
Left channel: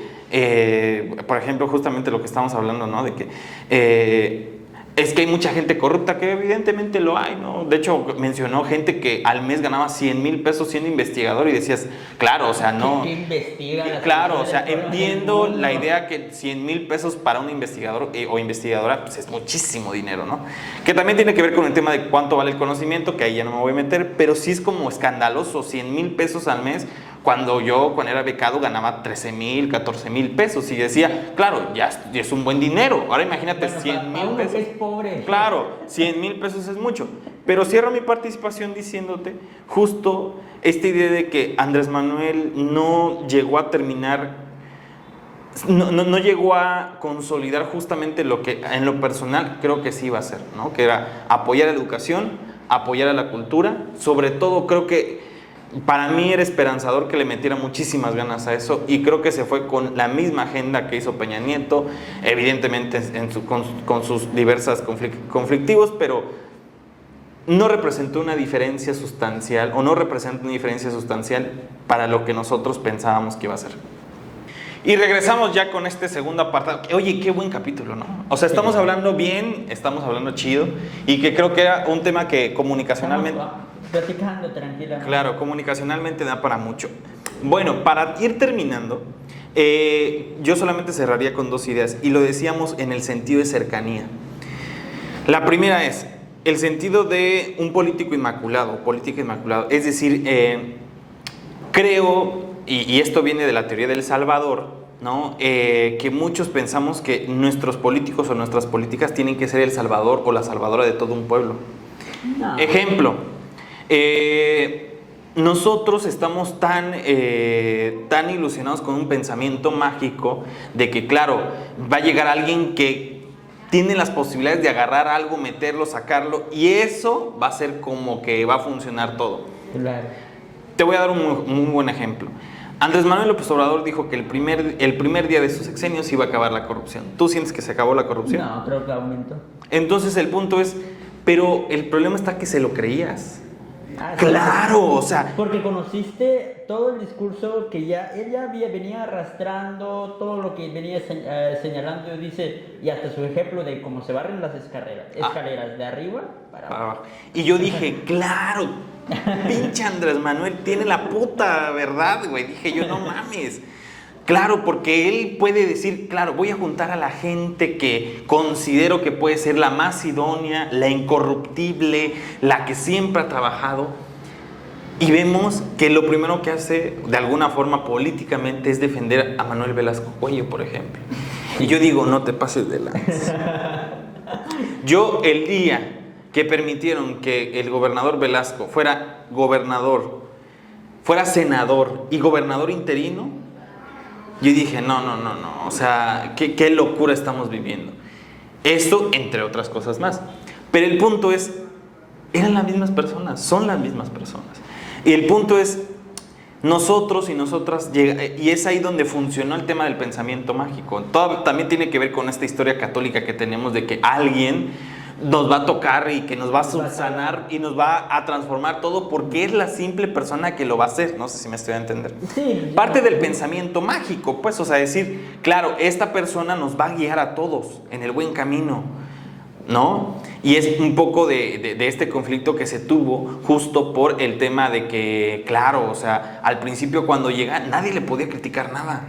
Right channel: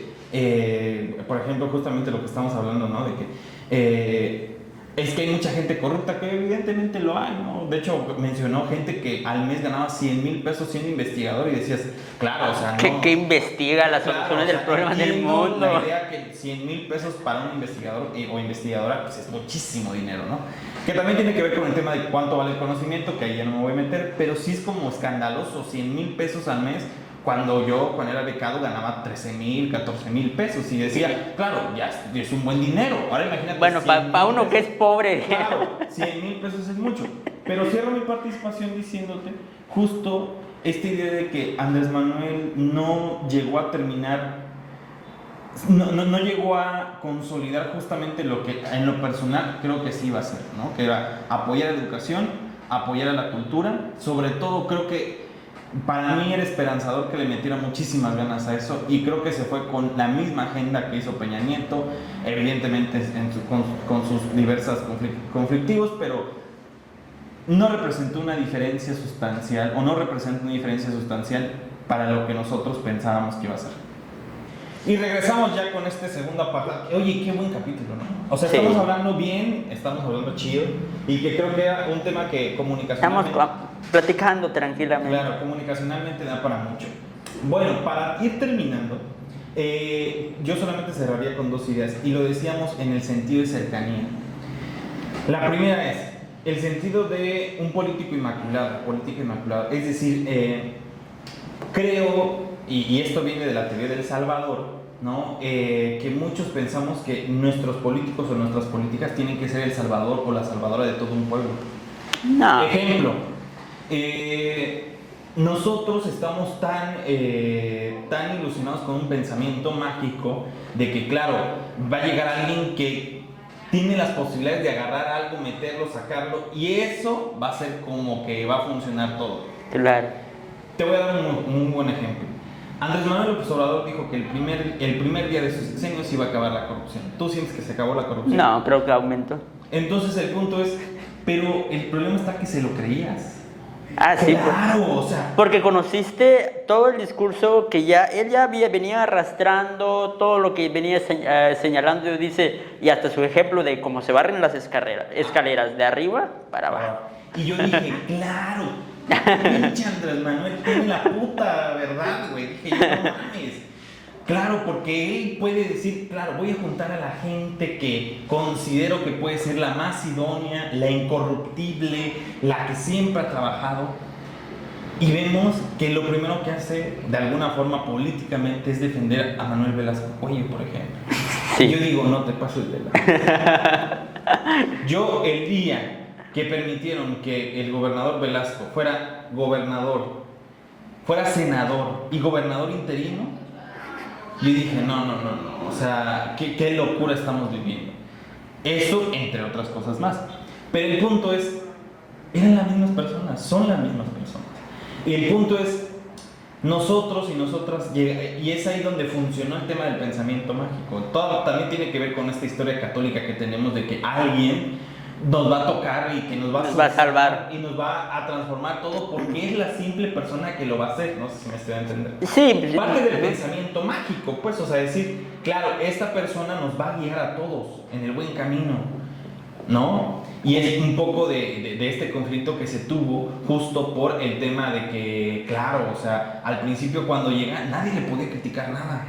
por ejemplo, justamente lo que estamos hablando, ¿no? De que es que hay mucha gente corrupta, que evidentemente lo hay, ¿no? De hecho, mencionó gente que al mes ganaba 100,000 pesos siendo investigador y decías, claro, o sea, no. ¿Qué investiga la Claro, o sea, entiendo mundo? la idea que 100,000 pesos para un investigador o investigadora, pues es muchísimo dinero, ¿no? Que también tiene que ver con el tema de cuánto vale el conocimiento, que ahí ya no me voy a meter, pero sí es como escandaloso, 100,000 pesos al mes, cuando era becado, ganaba 13,000, 14,000 pesos y decía, claro, ya es un buen dinero. Ahora imagínate. Bueno, para uno que es pobre. Claro, 100,000 pesos es mucho. Pero cierro mi participación diciéndote justo esta idea de que Andrés Manuel no llegó a terminar, no llegó a consolidar justamente lo que en lo personal creo que sí iba a hacer, ¿no? Que era apoyar a la educación, apoyar a la cultura. Sobre todo creo que para mí era esperanzador que le metiera muchísimas ganas a eso y creo que se fue con la misma agenda que hizo Peña Nieto, evidentemente con sus diversas conflictivos, pero no representó una diferencia sustancial o no representa una diferencia sustancial para lo que nosotros pensábamos que iba a ser. Y regresamos ya con este segundo apartado. Oye, qué buen capítulo, ¿no? O sea, estamos hablando bien, estamos hablando chido y que creo que era un tema que comunicacionalmente... Estamos platicando tranquilamente. Claro, comunicacionalmente da para mucho. Bueno, para ir terminando, yo solamente cerraría con dos ideas y lo decíamos en el sentido de cercanía. La primera es el sentido de un política inmaculado, es decir, creo, y esto viene de la teoría del Salvador, ¿no? Que muchos pensamos que nuestros políticos o nuestras políticas tienen que ser el salvador o la salvadora de todo un pueblo. No. Ejemplo, nosotros estamos tan ilusionados con un pensamiento mágico de que, claro, va a llegar alguien que tiene las posibilidades de agarrar algo, meterlo, sacarlo, y eso va a ser como que va a funcionar todo. Claro. Te voy a dar un buen ejemplo. Andrés Manuel López Obrador dijo que el primer día de su sexenio se iba a acabar la corrupción. ¿Tú sientes que se acabó la corrupción? No, creo que aumentó. Entonces el punto es, pero el problema está que se lo creías. Ah, sí. Claro, o sea, Porque conociste todo el discurso que él ya venía arrastrando, todo lo que venía señalando, dice, y hasta su ejemplo de cómo se barren las escaleras de arriba para abajo. y yo dije, claro, pinche Andrés Manuel tiene la puta verdad, güey. Dije yo, no mames. Claro, porque él puede decir, claro, voy a juntar a la gente que considero que puede ser la más idónea, la incorruptible, la que siempre ha trabajado. Y vemos que lo primero que hace, de alguna forma políticamente, es defender a Manuel Velasco Cuello, por ejemplo. Sí. Y yo digo, no te pases de lanza. Yo, el día que permitieron que el gobernador Velasco fuera gobernador, fuera senador y gobernador interino, yo dije, no, o sea, qué locura estamos viviendo. Esto, entre otras cosas más. Pero el punto es, eran las mismas personas, son las mismas personas. Y el punto es, nosotros y nosotras, y es ahí donde funcionó el tema del pensamiento mágico. Todo también tiene que ver con esta historia católica que tenemos de que alguien nos va a tocar y que nos va a salvar y nos va a transformar todo porque es la simple persona que lo va a hacer. No sé si me estoy a entender. Sí. Parte del pensamiento mágico, pues, o sea, decir, claro, esta persona nos va a guiar a todos en el buen camino, ¿no? Y es un poco de este conflicto que se tuvo justo por el tema de que, claro, o sea, al principio cuando llega nadie le podía criticar nada.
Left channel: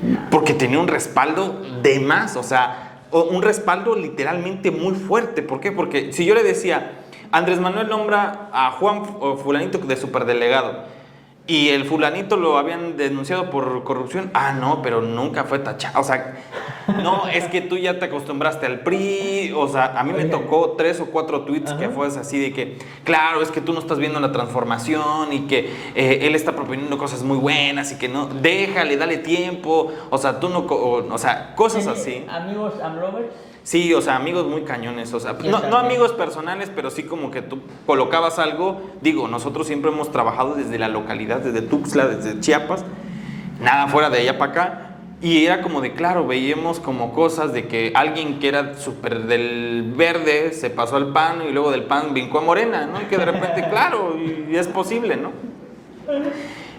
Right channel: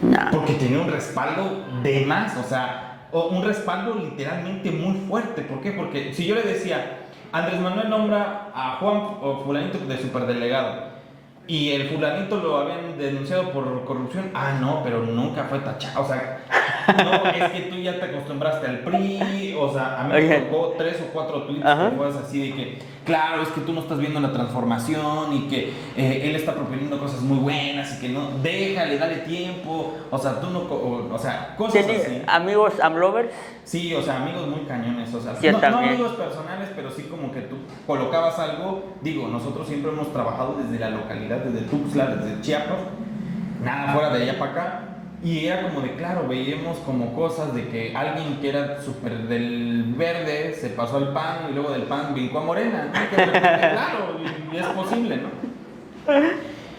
No. Porque tenía un respaldo de más, o sea, un respaldo literalmente muy fuerte. ¿Por qué? Porque si yo le decía, Andrés Manuel nombra a Juan o fulanito de superdelegado y el fulanito lo habían denunciado por corrupción, no, pero nunca fue tachado, o sea, no, es que tú ya te acostumbraste al PRI, o sea, a mí me tocó 3 o 4 tweets que fue así de que, claro, es que tú no estás viendo la transformación y que él está proponiendo cosas muy buenas y que no, déjale, dale tiempo, o sea, tú no, o sea, cosas así. ¿Amigos AMLovers? Sí, o sea, amigos muy cañones, o sea, Sí, no amigos personales, pero sí como que tú colocabas algo, digo, nosotros siempre hemos trabajado desde la localidad, desde Tuxtla, desde Chiapas, nada fuera de allá para acá, y era como de, claro, veíamos como cosas de que alguien que era súper del verde se pasó al PAN y luego del PAN brincó a Morena, ¿no? Y que de repente, claro, y es posible, ¿no?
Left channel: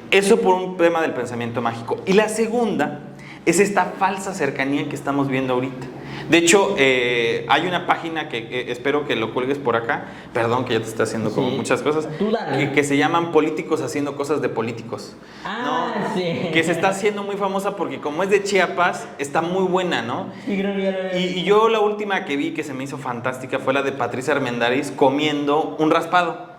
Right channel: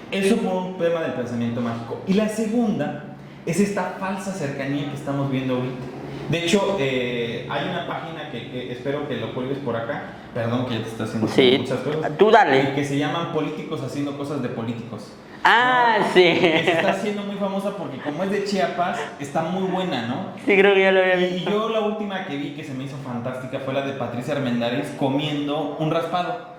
Eso por un tema del pensamiento mágico. Y la segunda es esta falsa cercanía que estamos viendo ahorita. De hecho, hay una página que espero que lo cuelgues por acá. Perdón que ya te está haciendo como muchas cosas. Tú dale. Que se llaman Políticos haciendo cosas de políticos. Ah, ¿no? sí. Que se está haciendo muy famosa porque como es de Chiapas, está muy buena, ¿no? Sí, creo que ya lo había visto. Y yo la última que vi que se me hizo fantástica fue la de Patricia Armendáriz comiendo un raspado.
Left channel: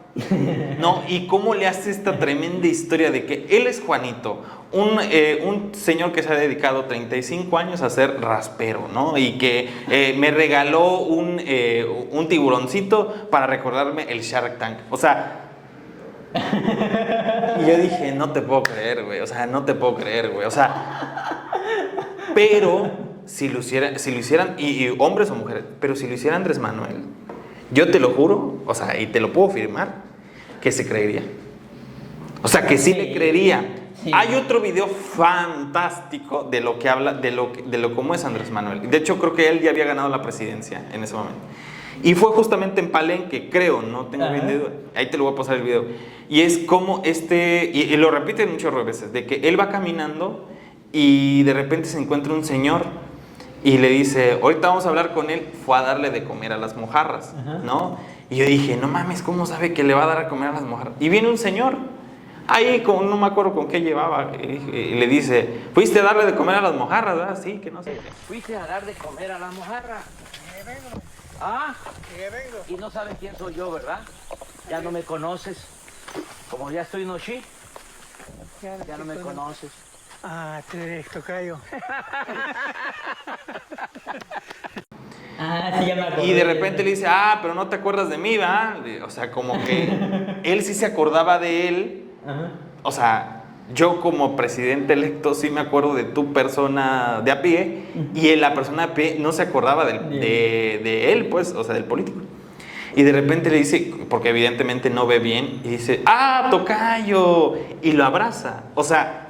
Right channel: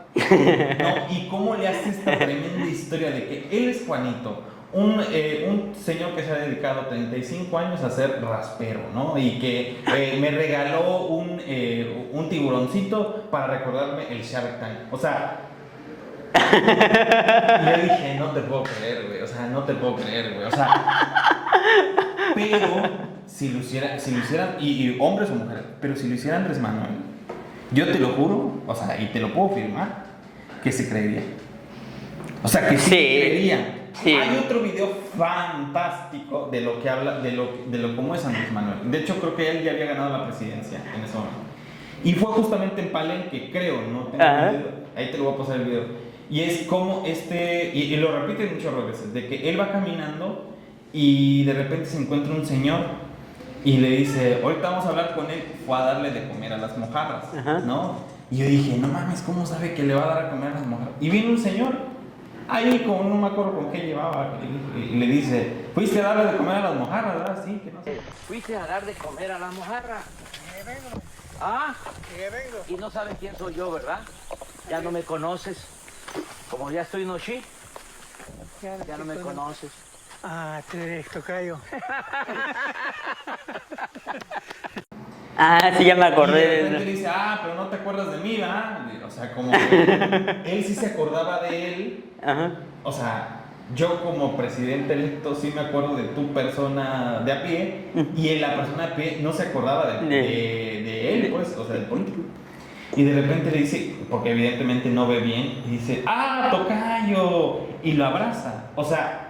¿No? Y cómo le hace esta tremenda historia de que él es Juanito, un señor que se ha dedicado 35 años a ser raspero, ¿no? Y que me regaló un tiburoncito para recordarme el Shark Tank. O sea, le dije, no te puedo creer, güey. O sea, no te puedo creer, güey. O sea, pero si lo hicieran, y hombres o mujeres, pero si lo hiciera Andrés Manuel, yo te lo juro, o sea, y te lo puedo firmar, que se creería. O sea, que sí creería. Sí. Hay otro video fantástico de lo que habla, de lo cómo es Andrés Manuel. De hecho, creo que él ya había ganado la presidencia en ese momento. Y fue justamente en Palenque, creo, no tengo video. Ahí te lo voy a pasar el video. Y es como y lo repite muchas veces, de que él va caminando y de repente se encuentra un señor y le dice, ahorita vamos a hablar con él. Fue a darle de comer a las mojarras, ¿no? Y yo dije, no mames, ¿cómo sabe que le va a dar a comer a las mojarras? Y viene un señor. Ahí, no me acuerdo con qué llevaba, y le dice, fuiste a darle de comer a las mojarras, ¿verdad? Sí, que no sé. Fuiste a dar de comer a la mojarra. vengo. Ah, vengo. y no sabes quién soy yo, ¿verdad? Ya no me conoces. Como ya estoy noche, ya no me conoces. Ah, tú eres tocayo. Ah, sí, ya me acordé. Y de repente le dice, pero no te acuerdas de mí, ¿verdad? O sea, como que él sí se acordaba de él. Ajá. O sea, yo como presidente electo sí me acuerdo de tu persona de a pie, y la persona de a pie no se acordaba de él, pues, o sea, del político. Y de repente le dice, porque evidentemente no ve bien, y dice, tocayo, y lo abraza. O sea,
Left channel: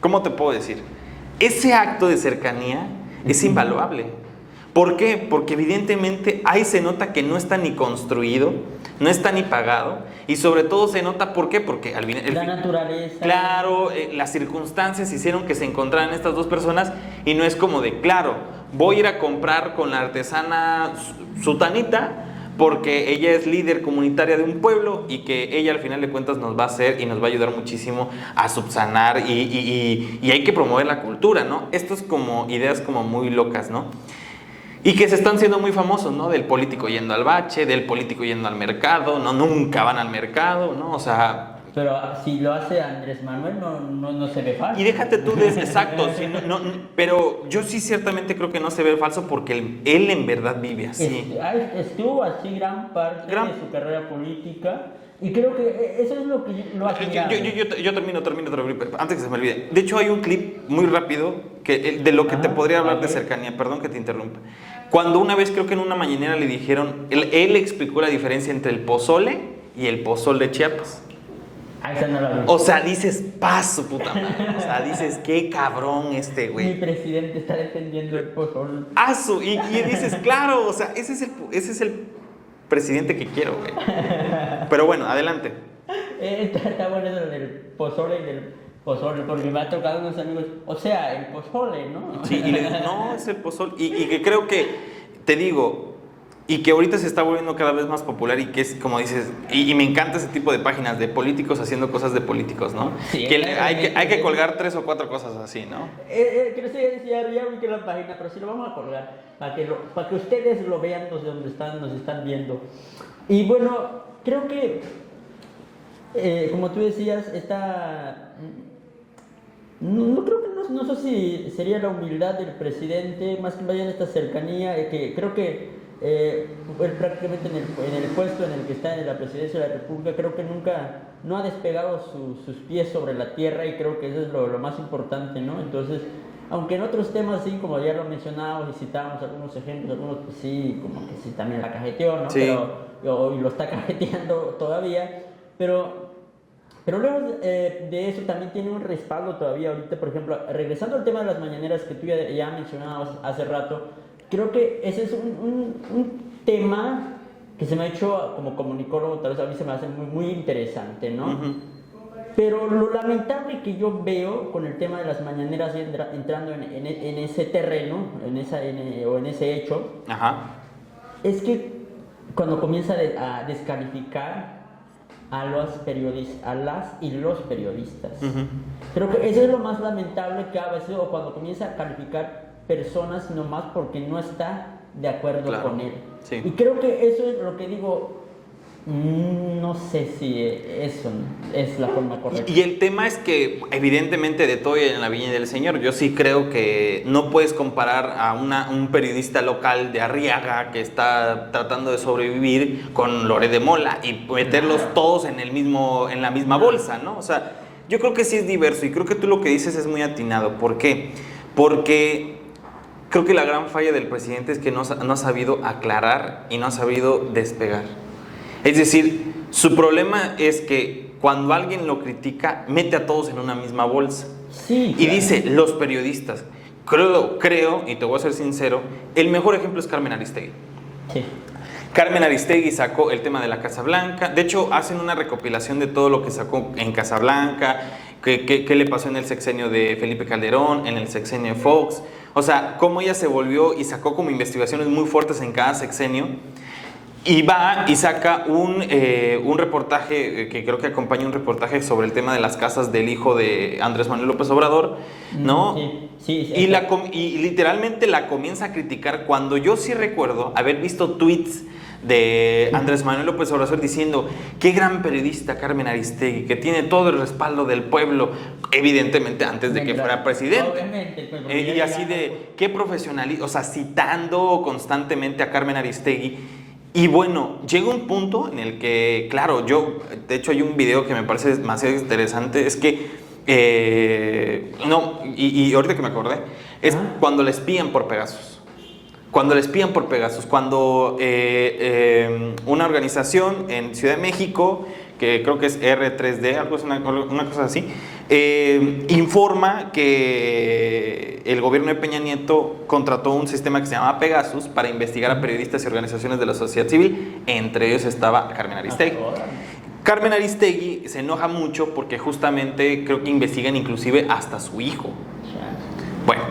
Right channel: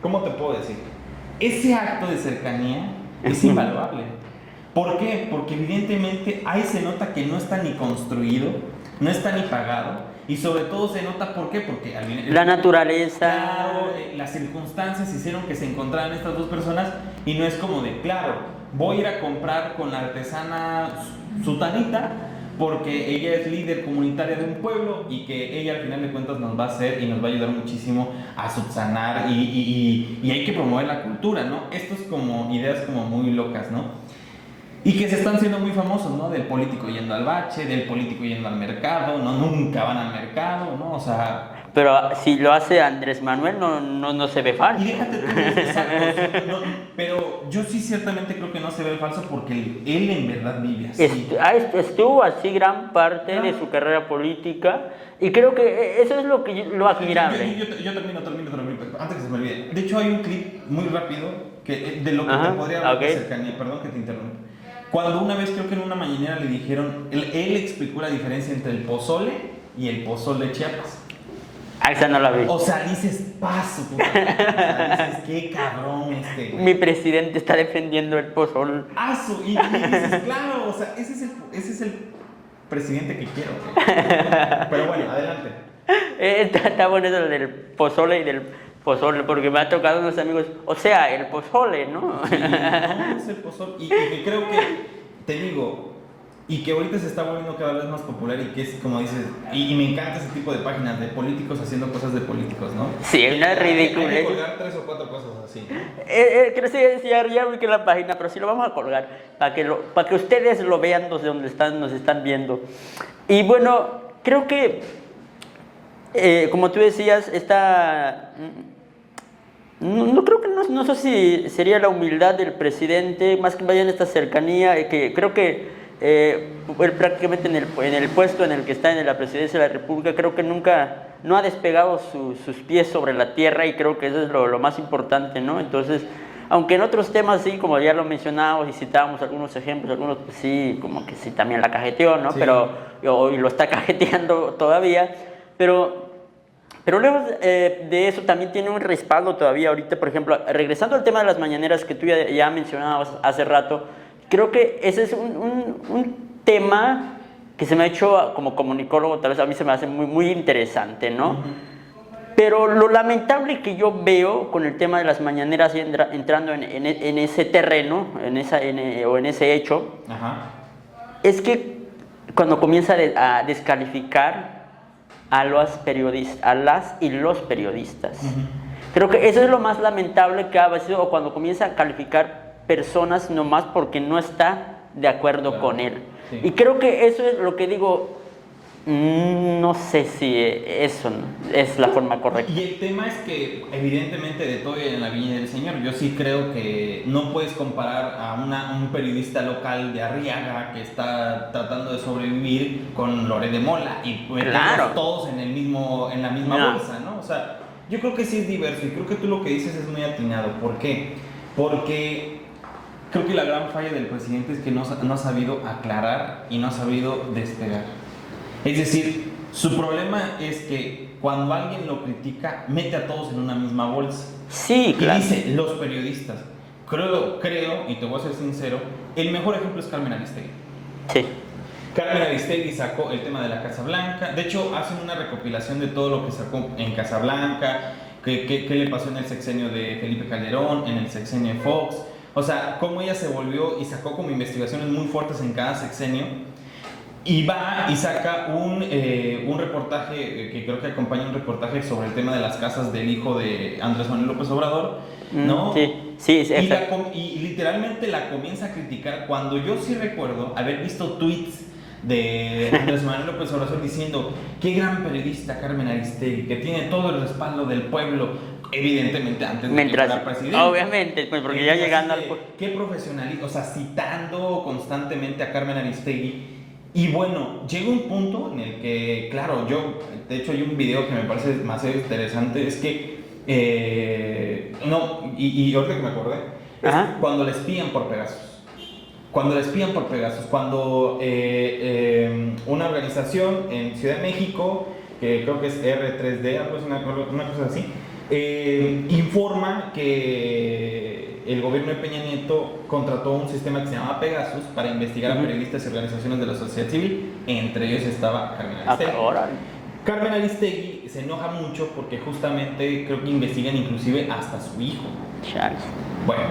¿cómo te puedo decir? Ese acto de cercanía es invaluable. ¿Por qué? Porque evidentemente ahí se nota que no está ni construido, no está ni pagado, Y sobre todo se nota, ¿por qué? Porque al final... La naturaleza. Claro, las circunstancias hicieron que se encontraran estas dos personas y no es como de, claro, voy a ir a comprar con la artesana sutanita porque ella es líder comunitaria de un pueblo y que ella al final de cuentas nos va a hacer y nos va a ayudar muchísimo a subsanar y hay que promover la cultura, ¿no? Esto es como ideas como muy locas, ¿no? Y que se están siendo muy famosos, ¿no? Del político yendo al bache, del político yendo al mercado, ¿no? Nunca van al mercado, ¿no? O sea... Pero si lo hace Andrés Manuel, no se ve falso. Y déjate tú, exacto, sí, pero yo sí ciertamente creo que no se ve falso porque él en verdad vive así. Estuvo así gran parte de su carrera política y creo que eso es lo que lo admirable. Yo termino, antes que se me olvide. De hecho hay un clip muy rápido de lo que te podría hablar de cercanía, perdón que te interrumpa. Cuando una vez creo que en una mañanera le dijeron, él explicó la diferencia entre el pozole y el pozol de Chiapas. Esa no la vi. O sea, dices, paso, puta. O sea, dices, qué cabrón este güey. Mi presidente está defendiendo el pozol. Asu, y dices, claro, o sea, ese es el presidente que quiero, güey. Pero bueno, adelante. Está bueno eso del pozole y del pozole, porque me ha tocado unos amigos, o sea, el pozole, ¿no? Sí, no, es el pozole. Y que creo que, te digo, y que ahorita se está volviendo cada vez más popular y que es como dices, y me encanta ese tipo de páginas de políticos haciendo cosas de políticos, ¿no? Sí, que hay que colgar 3 o 4 cosas así, ¿no? Creo que ya vi que la página, pero sí lo vamos a colgar para que ustedes lo vean desde donde nos están viendo. Y bueno, creo que, como tú decías, no creo que no sé si sería la humildad del presidente, más que vaya en esta cercanía, que creo que él prácticamente en el puesto en el que está en la presidencia de la República, creo que nunca no ha despegado sus pies sobre la tierra y creo que eso es lo más importante, ¿no? Entonces, aunque en otros temas sí, como ya lo mencionábamos y citábamos algunos ejemplos, algunos pues sí, como que sí también la cajeteó, ¿no? Sí. Y lo está cajeteando todavía, pero lejos de eso también tiene un respaldo todavía ahorita, por ejemplo, regresando al tema de las mañaneras que tú ya mencionabas hace rato, creo que ese es un tema que se me ha hecho como comunicólogo, tal vez a mí se me hace muy, muy interesante, ¿no? Uh-huh. Pero lo lamentable que yo veo con el tema de las mañaneras entrando en ese terreno, en ese hecho, uh-huh, es que cuando comienza a descalificar a las y los periodistas. Uh-huh. Creo que eso es lo más lamentable que ha sido, o cuando comienza a calificar personas nomás porque no está de acuerdo con él. Sí. Y creo que eso es lo que digo, no sé si eso es la forma correcta. Y el tema es que evidentemente de todo en la viña del Señor, yo sí creo que no puedes comparar a un periodista local de Arriaga que está tratando de sobrevivir con Lore de Mola y meterlos todos en la misma bolsa, ¿no? O sea, yo creo que sí es diverso y creo que tú lo que dices es muy atinado. ¿Por qué? Porque creo que la gran falla del presidente es que no ha sabido aclarar y no ha sabido despegar. Es decir, su problema es que cuando alguien lo critica, mete a todos en una misma bolsa. Sí, claro. Y dice, los periodistas. Creo, y te voy a ser sincero, el mejor ejemplo es Carmen Aristegui. Sí. Carmen Aristegui sacó el tema de la Casa Blanca. De hecho, hacen una recopilación de todo lo que sacó en Casa Blanca, qué le pasó en el sexenio de Felipe Calderón, en el sexenio de Fox. O sea, cómo ella se volvió y sacó como investigaciones muy fuertes en cada sexenio. Y va y saca un reportaje, que creo que acompaña un reportaje sobre el tema de las casas del hijo de Andrés Manuel López Obrador, ¿no? Sí. Y literalmente la comienza a criticar cuando yo sí recuerdo haber visto tweets de Andrés Manuel López Obrador diciendo qué gran periodista Carmen Aristegui, que tiene todo el respaldo del pueblo, evidentemente antes de que fuera presidente. Obviamente, pues porque ya llegando... Qué profesionalista, o sea, citando constantemente a Carmen Aristegui. Y bueno, llega un punto en el que, claro, de hecho hay un video que me parece demasiado interesante, es que, y ahorita que me acordé, es cuando le espían por Pegasus. Cuando una organización en Ciudad de México, que creo que es R3D, algo es una cosa así, informa que el gobierno de Peña Nieto contrató un sistema que se llama Pegasus para investigar a periodistas y organizaciones de la sociedad civil, entre ellos estaba Carmen Aristegui. Carmen Aristegui se enoja mucho porque justamente creo que investigan inclusive hasta su hijo. Chale. Bueno,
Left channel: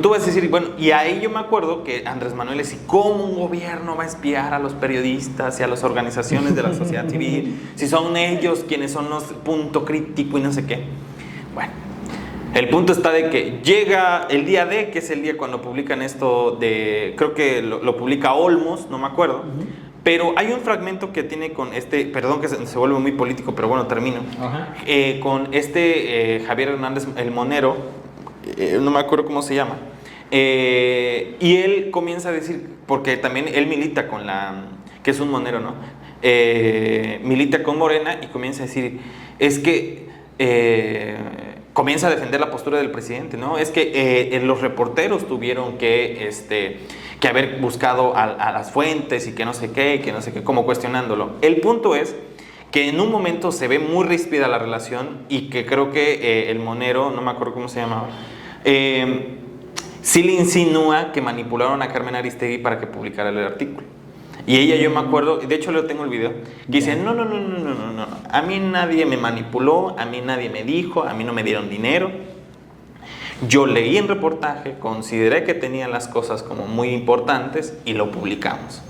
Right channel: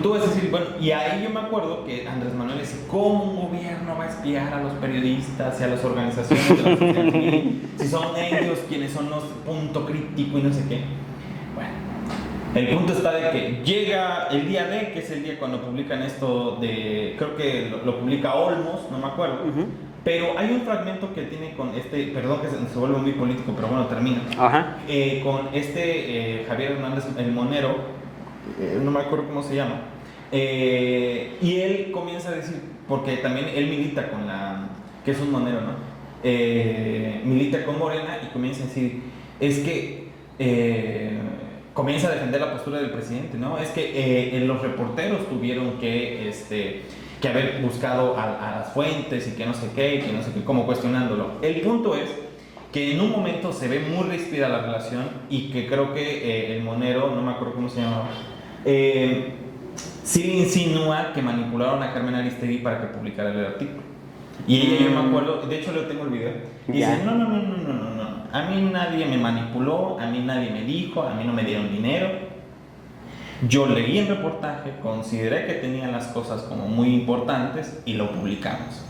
tú vas a decir, bueno, y ahí yo me acuerdo que Andrés Manuel decía, ¿cómo un gobierno va a espiar a los periodistas y a las organizaciones de la sociedad civil? Si son ellos quienes son los punto crítico y no sé qué. Bueno, el punto está de que llega el día D, que es el día cuando publican esto de, creo que lo publica Olmos, no me acuerdo, pero hay un fragmento que tiene con perdón que se vuelve muy político, pero bueno, termino, Ajá. con Javier Hernández, el monero, no me acuerdo cómo se llama, y él comienza a decir, porque también él milita con que es un monero, ¿no? Milita con Morena y comienza a decir, es que comienza a defender la postura del presidente, ¿no? Es que los reporteros tuvieron que haber buscado a las fuentes y que no sé qué, como cuestionándolo. El punto es que en un momento se ve muy ríspida la relación y que creo que el monero, no me acuerdo cómo se llamaba, sí le insinúa que manipularon a Carmen Aristegui para que publicara el artículo. Y ella, yo me acuerdo, de hecho yo tengo el video, que dice, no, a mí nadie me manipuló, a mí nadie me dijo, a mí no me dieron dinero. Yo leí el reportaje, consideré que tenían las cosas como muy importantes y lo publicamos.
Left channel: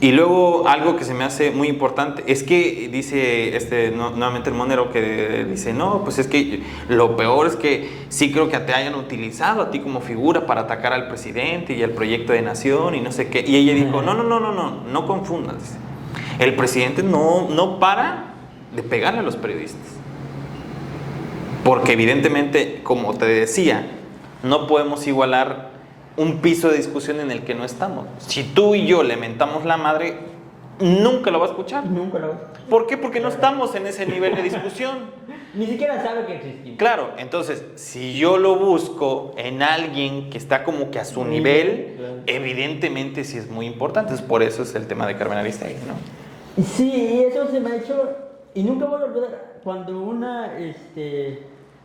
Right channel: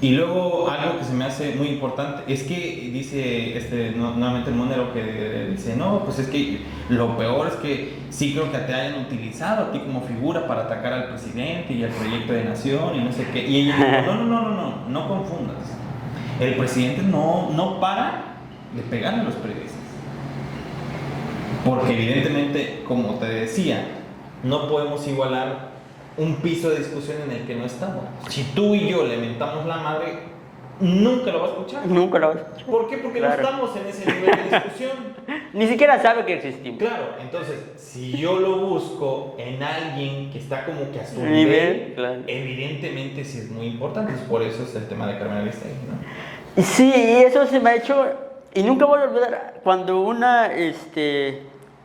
Y luego algo que se me hace muy importante es que dice nuevamente el monero, que dice, no, pues es que lo peor es que sí creo que te hayan utilizado a ti como figura para atacar al presidente y al proyecto de nación y no sé qué. Y ella dijo, no confundas. El presidente no para de pegarle a los periodistas. Porque evidentemente, como te decía, no podemos igualar un piso de discusión en el que no estamos. Si tú y yo le mentamos la madre, nunca lo va a escuchar. Nunca lo va a escuchar. ¿Por qué? Porque Claro. no estamos en ese nivel de discusión. Ni siquiera sabe que existimos. Claro, entonces, si yo lo busco en alguien que está como que a su Nivel, nivel, claro. evidentemente sí es muy importante. Por eso es el tema de Carmen Aristegui, ¿no? Y sí, y eso se me ha hecho, y nunca voy a olvidar, cuando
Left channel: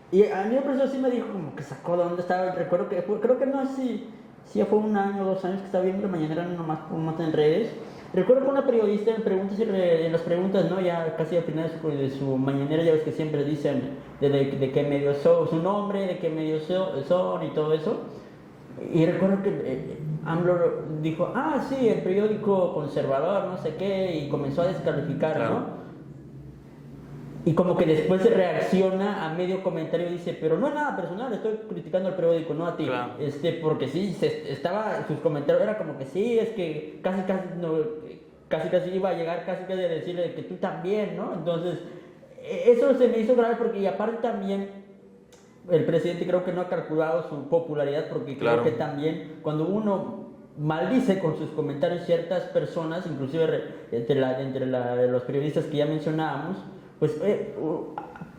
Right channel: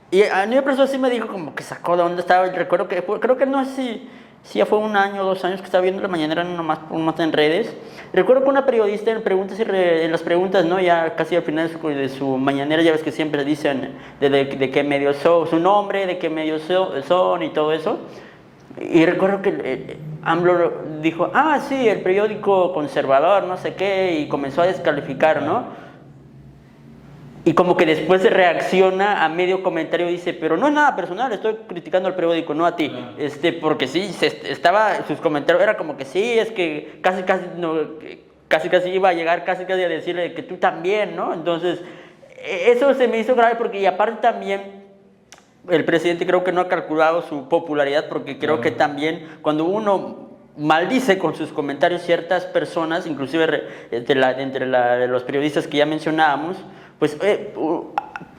y a mí me pasó así, me dijo como que sacó de dónde estaba, recuerdo que creo que no sé si ya fue 1 año o 2 años que estaba viendo la mañanera nomás en redes. Recuerdo que una periodista en las preguntas, ¿no? Ya casi al final de su mañanera, ya ves que siempre dicen de qué medios son, su nombre, de qué medios son y todo eso. Y recuerdo que AMLO dijo, sí, el periódico conservador, no sé qué, y comenzó a descalificar, ¿no? Y como que después se reacciona a medio comentario y dice, pero no es nada personal, estoy criticando al periódico, no a ti. Claro. Porque sí, sus comentarios era como que sí, es que casi iba a llegar casi a decirle que tú también, ¿no? Entonces, eso se me hizo grave porque, y aparte también, el presidente creo que no ha calculado su popularidad, porque creo que también cuando uno maldice con sus comentarios ciertas personas, inclusive entre los periodistas que ya mencionábamos, pues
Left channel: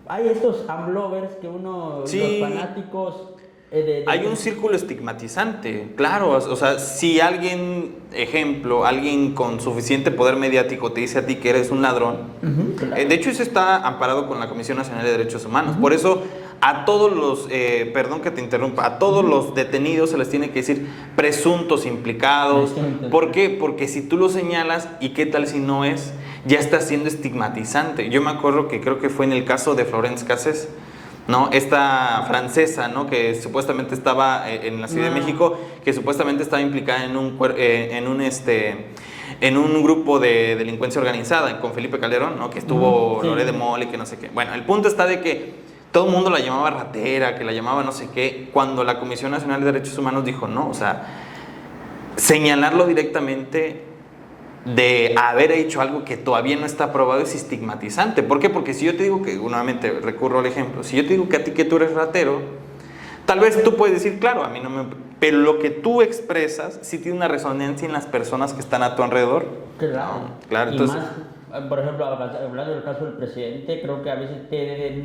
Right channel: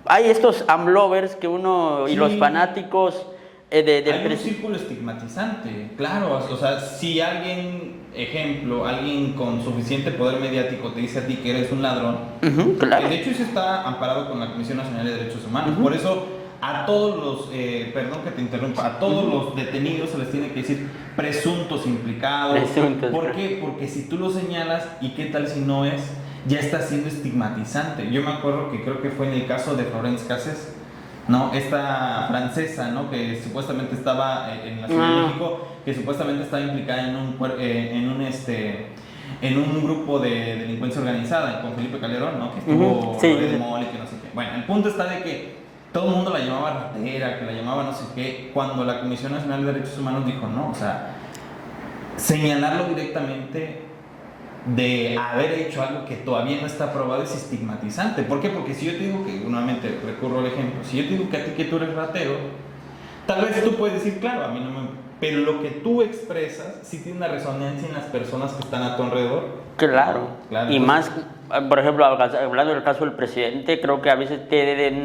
hay estos AMLovers que y los fanáticos hay un círculo estigmatizante, claro. O sea, si alguien con suficiente poder mediático te dice a ti que eres un ladrón, claro. De hecho eso está amparado con la Comisión Nacional de Derechos Humanos. Por eso a todos los, perdón que te interrumpa, a todos los detenidos se les tiene que decir presuntos implicados. ¿Por qué? Porque si tú lo señalas, ¿y qué tal si no es? Ya está siendo estigmatizante. Yo me acuerdo que creo que fue en el caso de Florence Cassés, ¿no? Esta francesa, ¿no? Que supuestamente estaba en la Ciudad de México, que supuestamente estaba implicada en un grupo de delincuencia organizada con Felipe Calderón, ¿no? Que estuvo Lore de Mola y que no sé qué. Bueno, el punto está de que todo el mundo la llamaba ratera, que la llamaba no sé qué, cuando la Comisión Nacional de Derechos Humanos dijo no, o sea, señalarlo directamente de haber hecho algo que todavía no está aprobado es estigmatizante. ¿Por qué? Porque si yo te digo que, nuevamente recurro al ejemplo, si yo te digo que a ti que tú eres ratero, tal vez tú puedes decir, claro, a mí no me... Pero lo que tú expresas sí tiene una resonancia en las personas que están a tu alrededor. Claro. Claro, Y entonces, más, por ejemplo, hablando del caso del presidente, creo que a veces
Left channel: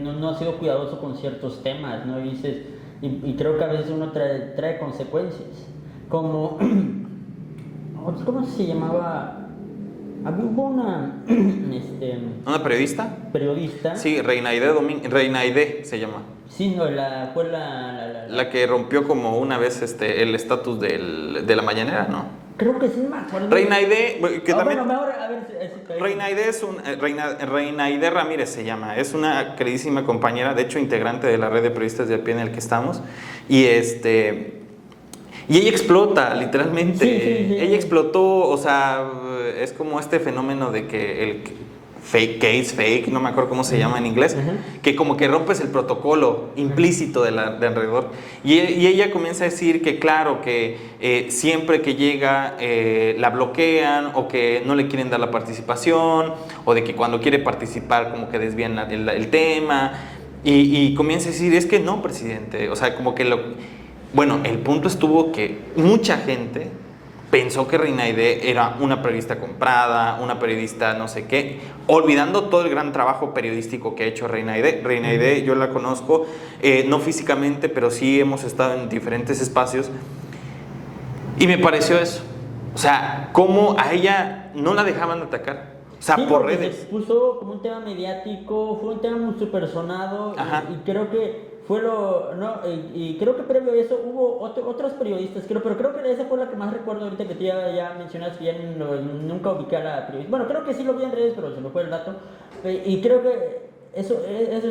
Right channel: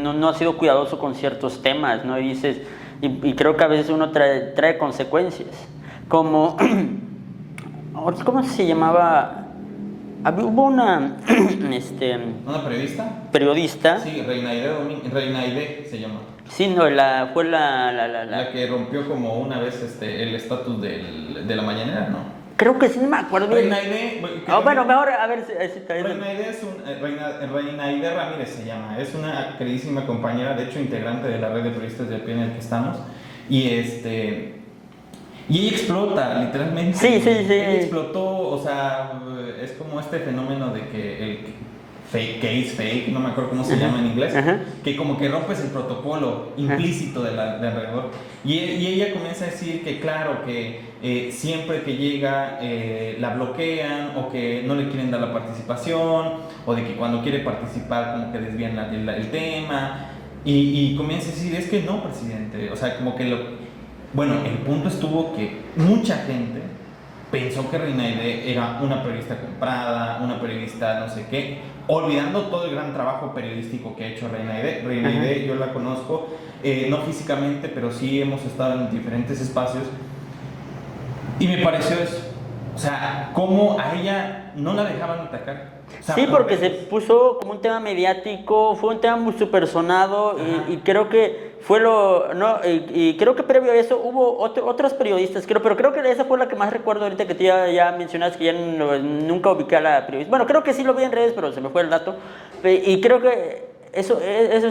no ha sido cuidadoso con ciertos temas, ¿no? Y dices, y creo que a veces uno trae consecuencias. Como, ¿cómo se llamaba? Hubo una ¿una periodista? periodista. Sí, Reinaide se llama. Sí, no, fue La que rompió como una vez el estatus de la mañanera, ¿no? Creo que sí, no me acuerdo. Reina Aide, que No, también- bueno, mejor a ver. Reina Aide Reina Aide Ramírez se llama, es una queridísima compañera, de hecho integrante de la red de periodistas de a pie en el que estamos, y y ella explota, literalmente. Sí. Ella explotó, o sea, es como este fenómeno de que el fake, no me acuerdo cómo se llama en inglés, Ajá. que como que rompes el protocolo implícito de alrededor. Y ella comienza a decir que claro, que siempre que llega la bloquean o que no le quieren dar la participación o de que cuando quiere participar como que desvían el tema y comienza a decir, es que no, presidente, o sea, como que bueno, el punto estuvo que mucha gente pensó que Reina Aide era una periodista comprada, una periodista no sé qué, olvidando todo el gran trabajo periodístico que ha hecho Reina Aide. Reina Aide, yo la conozco, no físicamente, pero sí hemos estado en diferentes espacios. Y me pareció eso. O sea, cómo a ella no la dejaban atacar. O sea, Sí, por porque redes. se puso como un tema mediático, fue un tema muy súper sonado Ajá. y creo que fue y creo que previo a eso hubo otras periodistas, pero creo que esa fue la que más recuerdo ahorita que tú ya mencionaste que ya nunca ubiqué a la periodista. Bueno, creo que sí lo vi en redes, pero se me fue el dato. Y creo que eso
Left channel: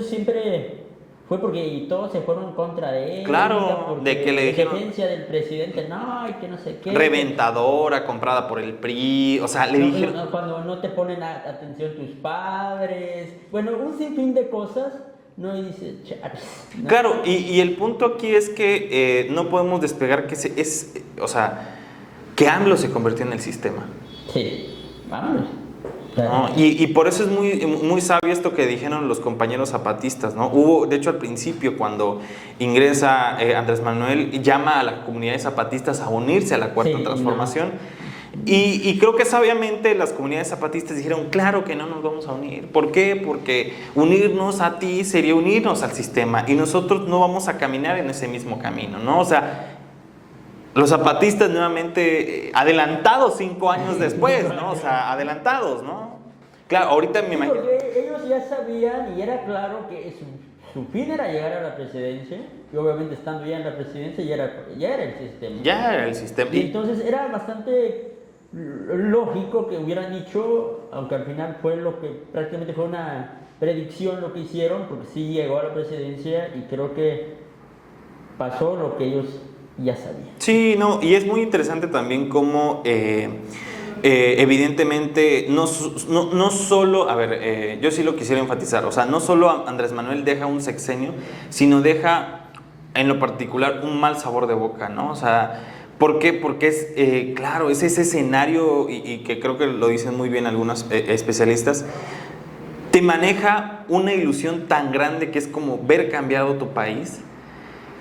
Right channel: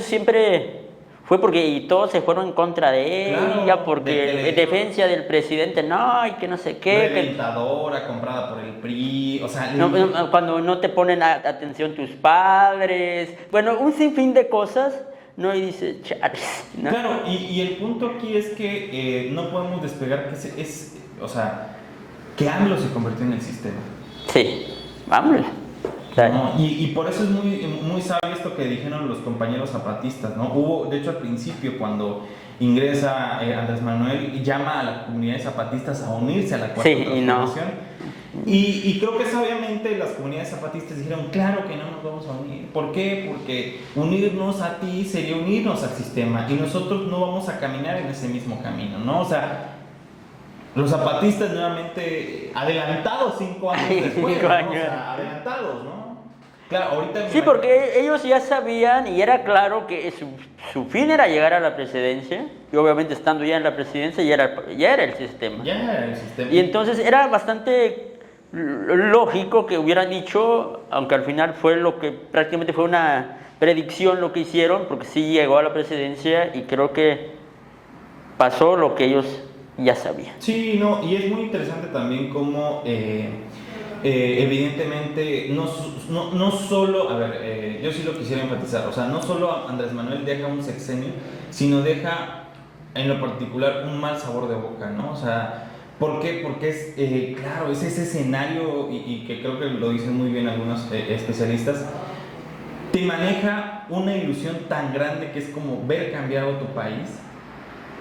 siempre fue porque y todos se fueron en contra de Claro, ella, porque de que le en dijeron- defensa del presidente, no, y que no sé qué. Reventadora, comprada por el PRI, o sea, le No, dijeron- cuando no te ponen atención tus padres, bueno, un sinfín de cosas, ¿no? Y dices, chales, ¿no? Claro, y el punto aquí es que no podemos despegar que o sea, que AMLO se convirtió en el sistema. Sí, vámonos. ¿No? Y por eso es muy sabio esto que dijeron los compañeros zapatistas, ¿no? Hubo, de hecho, al principio, cuando ingresa Andrés Manuel, llama a las comunidades zapatistas a unirse a la Cuarta Sí, y no. Transformación. Y creo que sabiamente las comunidades zapatistas dijeron, claro que no nos vamos a unir. ¿Por qué? Porque unirnos a ti sería unirnos al sistema y nosotros no vamos a caminar en ese mismo camino, ¿no? O sea, los zapatistas nuevamente adelantados 5 años después, 5 ¿no? años. O sea, adelantados, ¿no? Claro, ahorita me Sí, imagino- porque ellos ya sabían y era claro que su fin era llegar a la presidencia y obviamente estando ya en la presidencia ya era el sistema. ya era el sistema. Y entonces era bastante lógico que hubieran dicho, aunque al final fue lo que prácticamente fue una predicción lo que hicieron, porque sí llegó a la presidencia y creo que pasó lo que ellos ya sabían. Sí, no, y es muy interesante también cómo evidentemente no solo, a ver, yo sí lo quisiera enfatizar, o sea, no solo Andrés Manuel deja un sexenio, sino deja en lo particular un mal sabor de boca, ¿no? O sea, ¿por qué? Porque es, claro, es ese escenario y que creo que lo dicen muy bien algunos especialistas, te maneja una ilusión tan grande que es como ver cambiado tu país,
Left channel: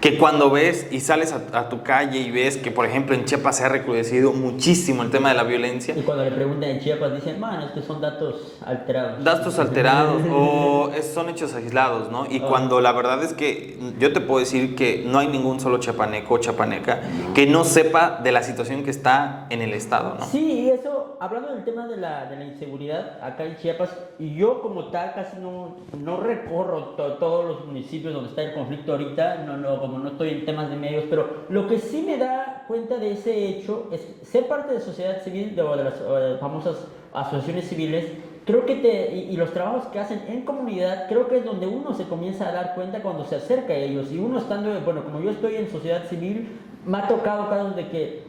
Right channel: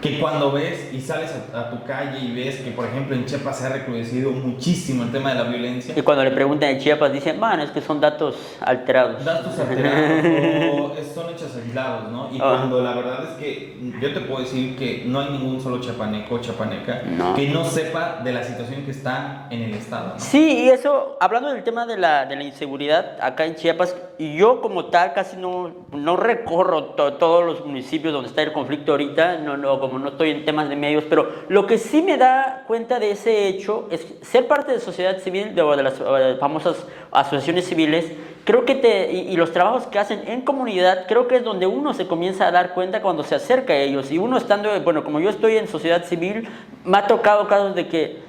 que cuando ves y sales a tu calle y ves que, por ejemplo, en Chiapas se ha recrudecido muchísimo el tema de la violencia, Y cuando le preguntan en Chiapas dicen, bueno, es que son datos alterados. datos alterados o son hechos aislados, ¿no? Y cuando la verdad es que yo te puedo decir que no hay ningún solo chapaneco o chapaneca No. que no sepa de la situación que está en el estado, ¿no? Sí, y eso, hablando del tema de la inseguridad acá en Chiapas, y yo como tal casi no recorro todos los municipios donde está el conflicto ahorita, como no estoy en temas de medios, pero lo que sí me da cuenta de ese hecho es ser parte de sociedad civil, de las famosas asociaciones civiles, creo que y los trabajos que hacen en comunidad, creo que es donde uno se comienza a dar cuenta cuando se acerca a ellos, y uno estando, bueno, como yo estoy en sociedad civil, me ha tocado casos de que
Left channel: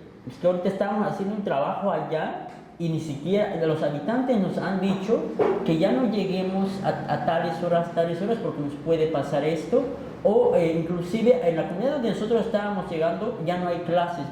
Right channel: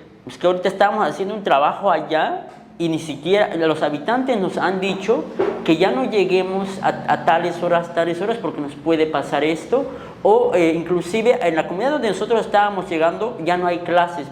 ahorita estábamos haciendo un trabajo allá y ni siquiera los habitantes nos han dicho que ya no lleguemos a tales horas porque nos puede pasar esto, o inclusive en la comunidad donde nosotros estábamos llegando ya no hay clases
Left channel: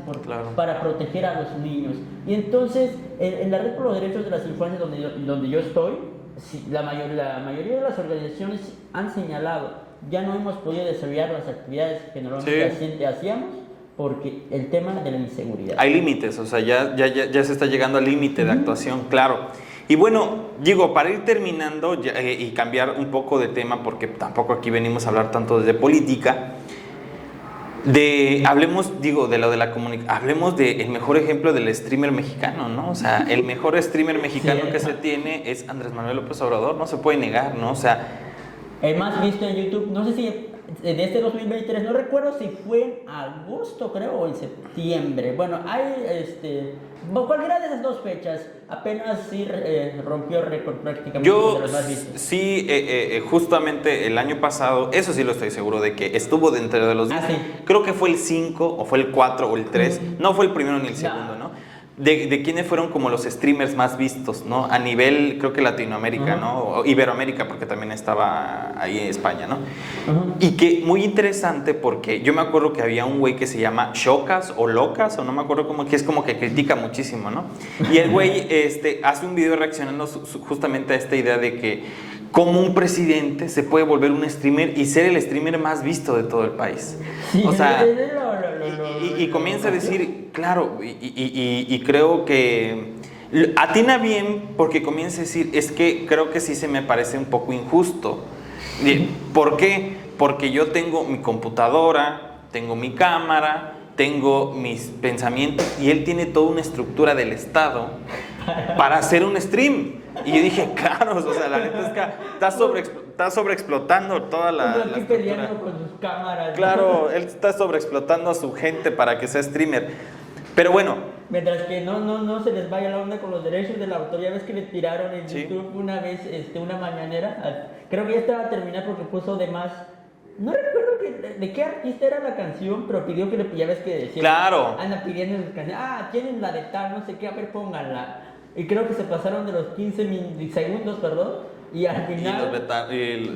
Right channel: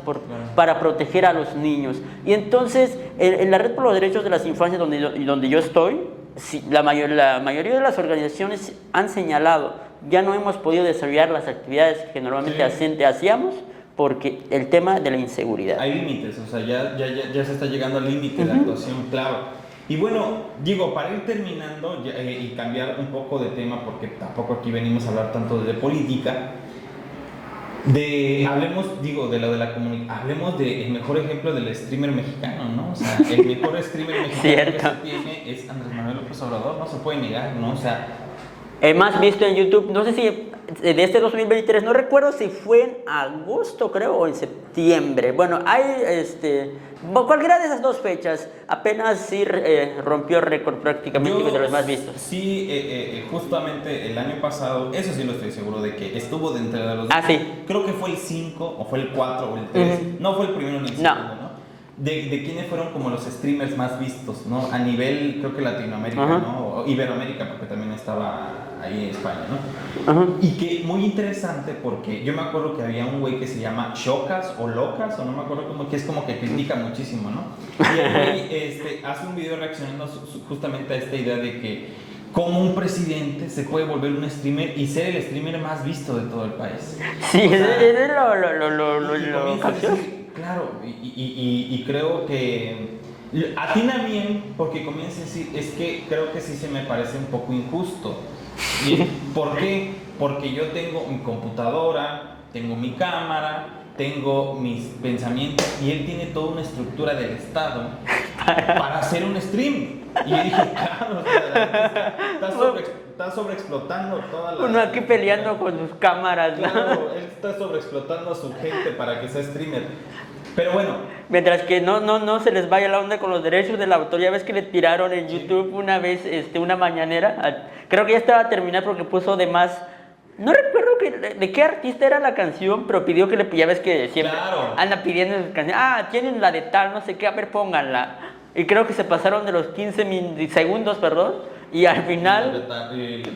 para proteger a los niños. Y entonces en la Red por los Derechos de las Infancias donde yo estoy, sí, la mayoría de las organizaciones han señalado, ya no hemos podido desarrollar las actividades que normalmente hacíamos porque el tema de la inseguridad. Hay límites, o sea, ya se está llegando al límite de actuación, claro. Y bueno, digo, para ir terminando y cambiar un poco de tema, porque tampoco aquí venimos a hablar tanto de política, hablemos, digo, de lo de la comunicación, hablemos del mejor ejemplo del streamer mexicano, ¿no? O sea, el mejor streamer mexicano que se tiene es Andrés Manuel López Obrador, no se puede negar, ¿no? O sea, Más visto en YouTube, no sé si de este 2023, no recuerdo si fue en agosto, creo, o en septiembre. Bueno, hay, cualquiera de esas dos fechas, apenas sí rompió récord prácticamente de los más vistos. Sí, justamente el año pasado, eso sí lo estoy seguro de que estuvo dentro de los... Sí. Creo que fue el 5, o fue el 4, o el 3. No fue el primero ni el segundo, ¿no? De quiénes fueron como los streamers más vistos, ¿no? A nivel, creo que Latinoamérica, ¿no? O Iberoamérica, porque también estaba ahí en España, ¿no? Y que muy interesante porque yo me acuerdo que había un güey que se llama Shocas o Locas, o no me acuerdo cómo, que es como que critica muchísimo, ¿no? Y el güey hace un video reaccionando justamente a esta idea de que cómo un presidente se puede volver un streamer y ser el streamer más visto de todo el país. Sí, o sea, y lo comienza a decir, claro, y creo que atina bien porque comienza a decir, es que creo que sí se me parece un poco injusto. ¿Por qué? Porque yo tengo mi computadora, tengo mi cámara, tengo mis pensamientos y él tiene toda una estructura del Estado para hacer un stream. Y yo dije, claro, o sea, la neta está sobreexplotando toda la... Uno aquí peleando con sus cámaras. Claro, él está sobreexplotando a su gente para que sea streamer. Pero bueno. Mientras que no se les vaya la onda con los derechos del autor. Ya ves que le tiraron en YouTube una vez una mañanera. Creo que ya estaba a terminar porque puso de más... No recuerdo de qué artista era la canción, pero pidió que ya ves que siempre anda pidiendo sus canciones. Tienen la de tal, no sé qué, a ver, pónganla. Y creo que se pasaron de los 15 segundos, perdón, y al final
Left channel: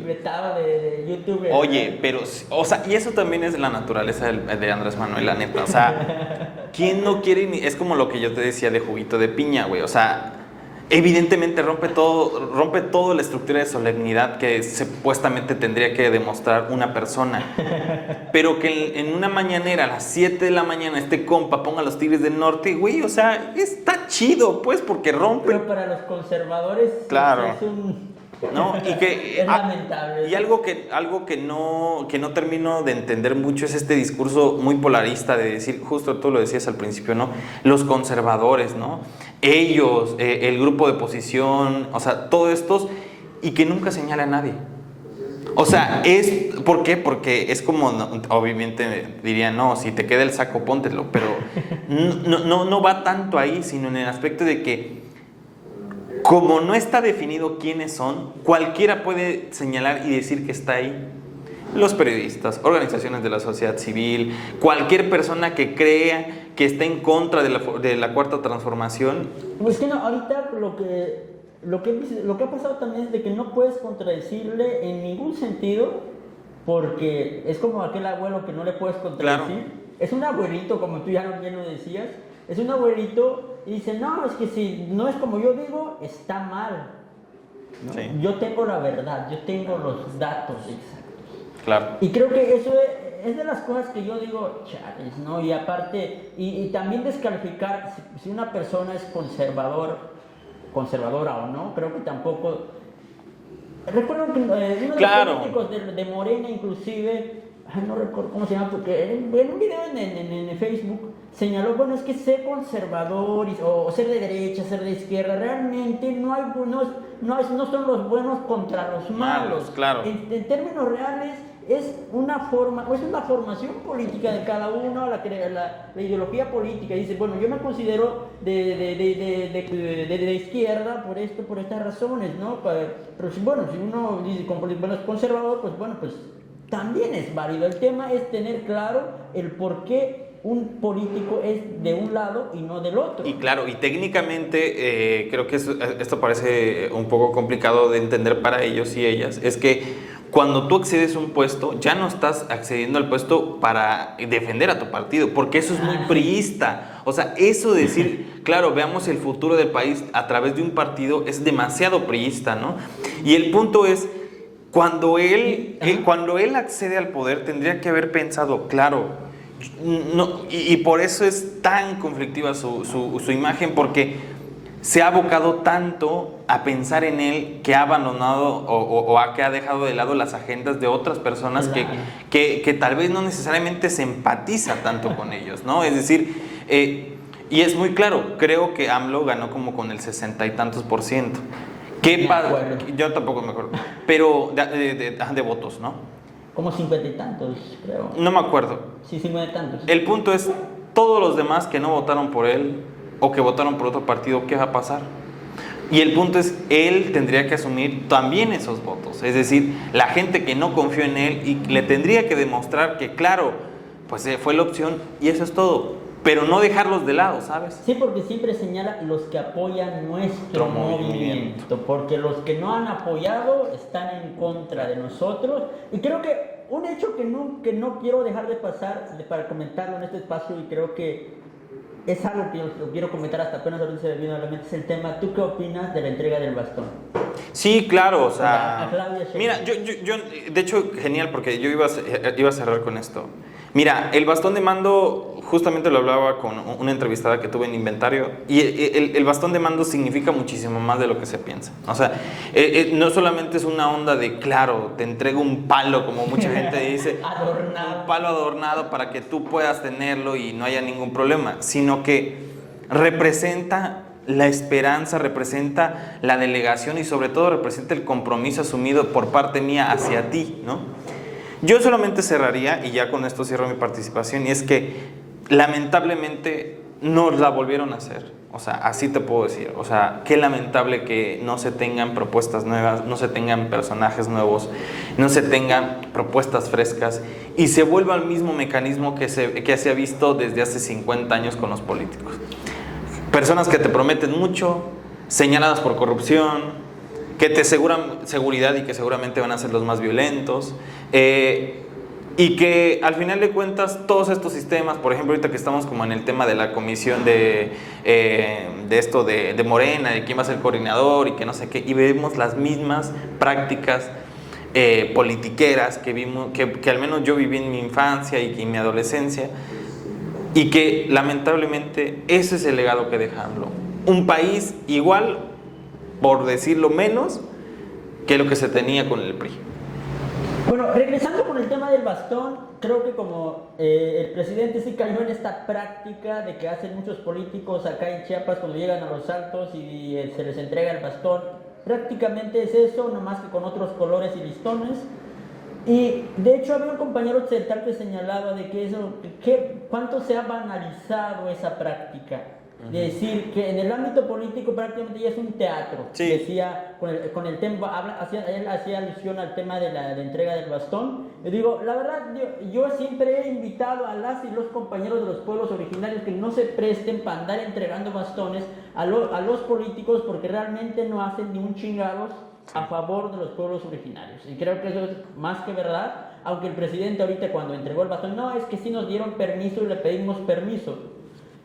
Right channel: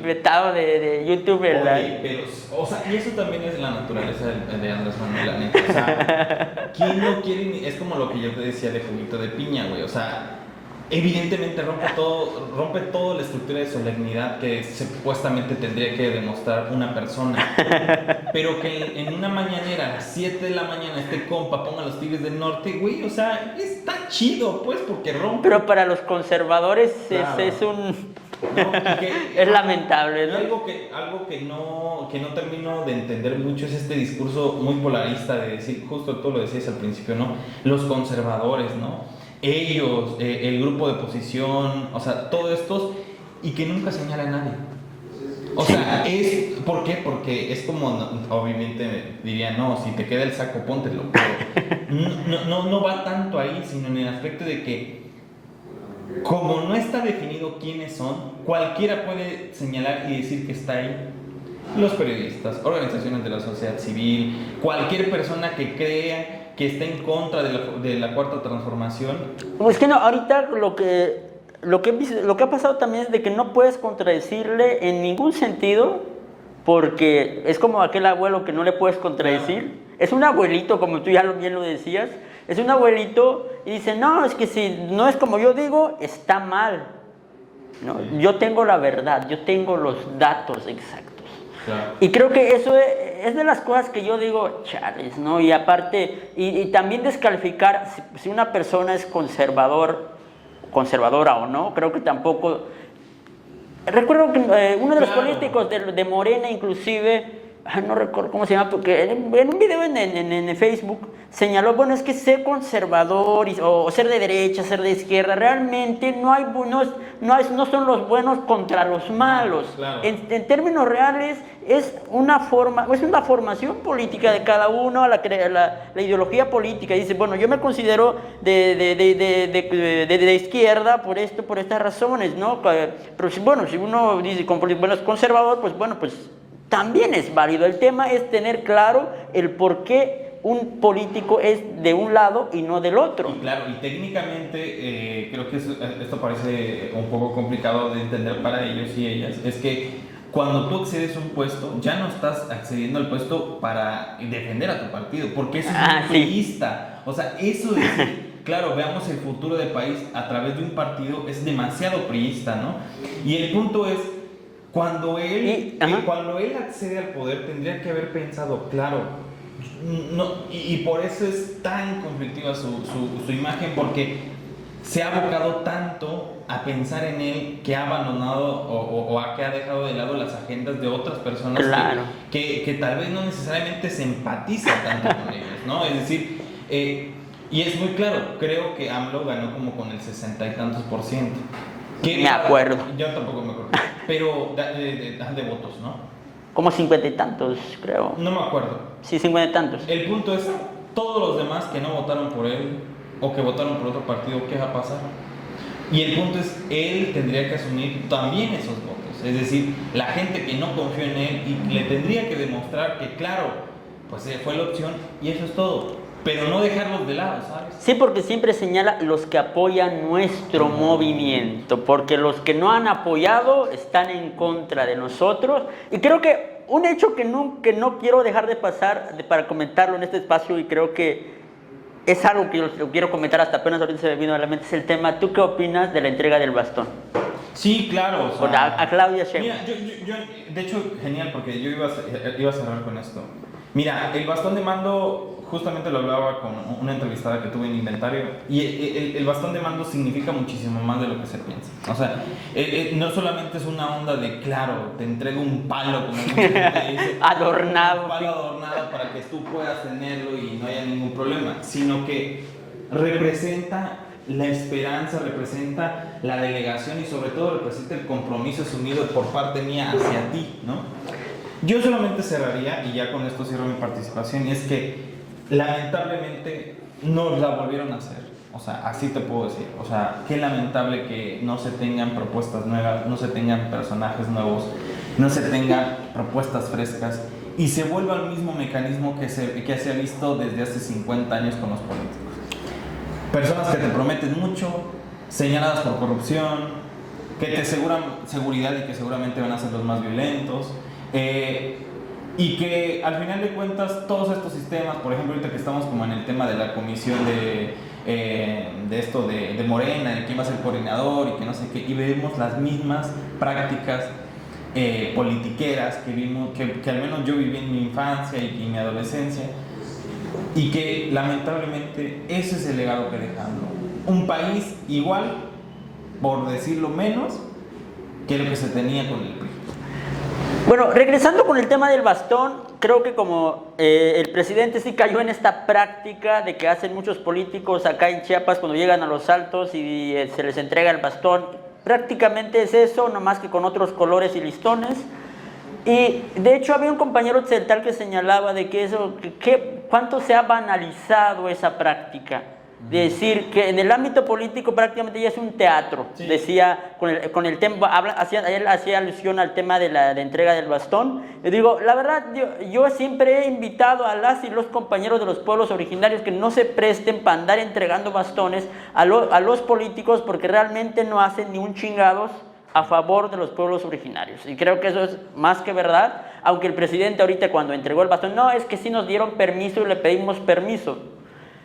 vetado de YouTube. Oye, pero, o sea, y eso también es la naturaleza de Andrés Manuel, la neta. O sea, ¿quién no quiere? Es como lo que yo te decía de juguito de piña, güey. O sea, evidentemente rompe todo la estructura de solemnidad que supuestamente tendría que demostrar una persona. Pero que en una mañanera a las 7 de la mañana este compa ponga a los Tigres del Norte, güey, o sea, está chido, pues, porque rompe. Pero para los conservadores claro. es un... ¿No? Y que, es lamentable, ¿no? Y algo que no termino de entender mucho es este discurso muy polarista de decir, justo tú lo decías al principio, ¿no? Los conservadores, ¿no? Ellos, el grupo de oposición, o sea, todos estos, y que nunca señala a nadie. O sea, ¿por qué? Porque es como, obviamente diría, no, si te queda el saco, póntelo, pero no va tanto ahí, sino en el aspecto de que como no está definido quiénes son, cualquiera puede señalar y decir que está ahí. Los periodistas, organizaciones de la sociedad civil, cualquier persona que crea que está en contra de la cuarta transformación. Pues que no, ahorita lo que ha pasado también es de que no puedes contradecirle en ningún sentido, porque es como aquel abuelo que no le puedes contradecir. Claro. Es un abuelito, como tú ya bien lo decías. Es un abuelito y dice, no, es que si no es como yo digo, está mal. ¿No? Sí. Yo tengo la verdad, yo tengo los datos exactos. Claro. Y creo que eso es de las cosas que yo digo, chales, ¿no? Y aparte, y también descalificar si una persona es conservadora o no, creo que tampoco... Recuerdo que uno de los políticos de Morena inclusive... no recuerdo cómo se llama, porque en un video en Facebook señaló, bueno, es que ser conservador o ser de derecha, ser de izquierda, realmente no son los buenos contra los malos. Claro. En términos reales es una formación política de cada uno, la ideología política. Dice, bueno, yo me considero de izquierda por estas razones, ¿no? Pero si uno dice, bueno, es conservador, pues bueno, pues también es válido. El tema es tener claro el por qué un político es de un lado y no del otro. Y claro, y técnicamente creo que esto parece un poco complicado de entender para ellos y ellas, es que cuando tú accedes a un puesto, ya no estás accediendo al puesto para defender a tu partido, porque eso es muy priista. O sea, eso de decir, claro, veamos el futuro del país a través de un partido es demasiado priista, ¿no? Y el punto es, cuando él accede al poder, tendría que haber pensado, claro, y por eso es tan conflictiva su imagen, porque se ha abocado tanto a pensar en él que ha abandonado que ha dejado de lado las agendas de otras personas, claro, que tal vez no necesariamente se empatiza tanto con ellos, ¿no? Es decir, y es muy claro, creo que AMLO ganó como con el 60 y tantos %. Me acuerdo. Yo tampoco me acuerdo. Pero de votos, ¿no? como 50 y tantos, creo. No me acuerdo. Sí, 50 y tantos. El punto es, todos los demás que no votaron por él o que votaron por otro partido, ¿qué va a pasar? Y el punto es, él tendría que asumir también esos votos. Es decir, la gente que no confió en él y le tendría que demostrar que, claro, pues fue la opción y eso es todo. Pero no dejarlos de lado, ¿sabes? Sí, porque siempre señala los que apoyan nuestro movimiento, porque los que no han apoyado están en contra de nosotros. Y creo que un hecho que no quiero dejar de pasar para comentarlo en este espacio, y creo que es algo que yo quiero comentar hasta apenas ahorita se me vino a la mente, es el tema, ¿tú qué opinas de la entrega del bastón? Sí, claro, o sea, a Claudia Sheinbaum. Mira, yo, de hecho, genial, porque yo iba a cerrar con esto. Mira, el bastón de mando, justamente lo hablaba con una entrevistada que tuve en Inventario, y el bastón de mando significa muchísimo más de lo que se piensa. O sea, no solamente es una onda de, claro, te entrego un palo, como mucha gente dice. Adornado. Un palo adornado para que tú puedas tenerlo y no haya ningún problema, sino que representa la esperanza, representa la delegación y sobre todo representa el compromiso asumido por parte mía hacia ti, ¿no? Yo solamente cerraría, y ya con esto cierro mi participación, y es que lamentablemente nos la volvieron a hacer. O sea, así te puedo decir. O sea, qué lamentable que no se tengan propuestas nuevas, no se tengan personajes nuevos, no se tengan propuestas frescas y se vuelva al mismo mecanismo que se ha visto desde hace 50 años con los políticos. Personas que te prometen mucho, señaladas por corrupción, que te aseguran seguridad y que seguramente van a ser los más violentos, y que al final de cuentas todos estos sistemas, por ejemplo ahorita que estamos como en el tema de la comisión de esto de Morena, de quién va a ser el coordinador y que no sé qué, y vemos las mismas prácticas politiqueras que vimos, que al menos yo viví en mi infancia y en mi adolescencia, y que lamentablemente ese es el legado que dejaron. Un país igual, por decirlo menos, que lo que se tenía con el PRI. Bueno, regresando con el tema del bastón, creo que como el presidente sí cayó en esta práctica de que hacen muchos políticos acá en Chiapas cuando llegan a los altos y se les entrega el bastón, prácticamente es eso, nomás que con otros colores y listones. Y de hecho había un compañero occidental que señalaba de que eso, cuánto se ha banalizado esa práctica. De decir que en el ámbito político prácticamente ya es un teatro. Sí. Decía, con el tema, él hacía alusión al tema de la entrega del bastón. Y digo, la verdad, yo siempre he invitado a las y los compañeros de los pueblos originarios que no se presten para andar entregando bastones a los políticos, porque realmente no hacen ni un chingados a favor de los pueblos originarios. Y creo que eso es más que verdad, aunque el presidente ahorita cuando entregó el bastón, no, es que sí nos dieron permiso y le pedimos permiso.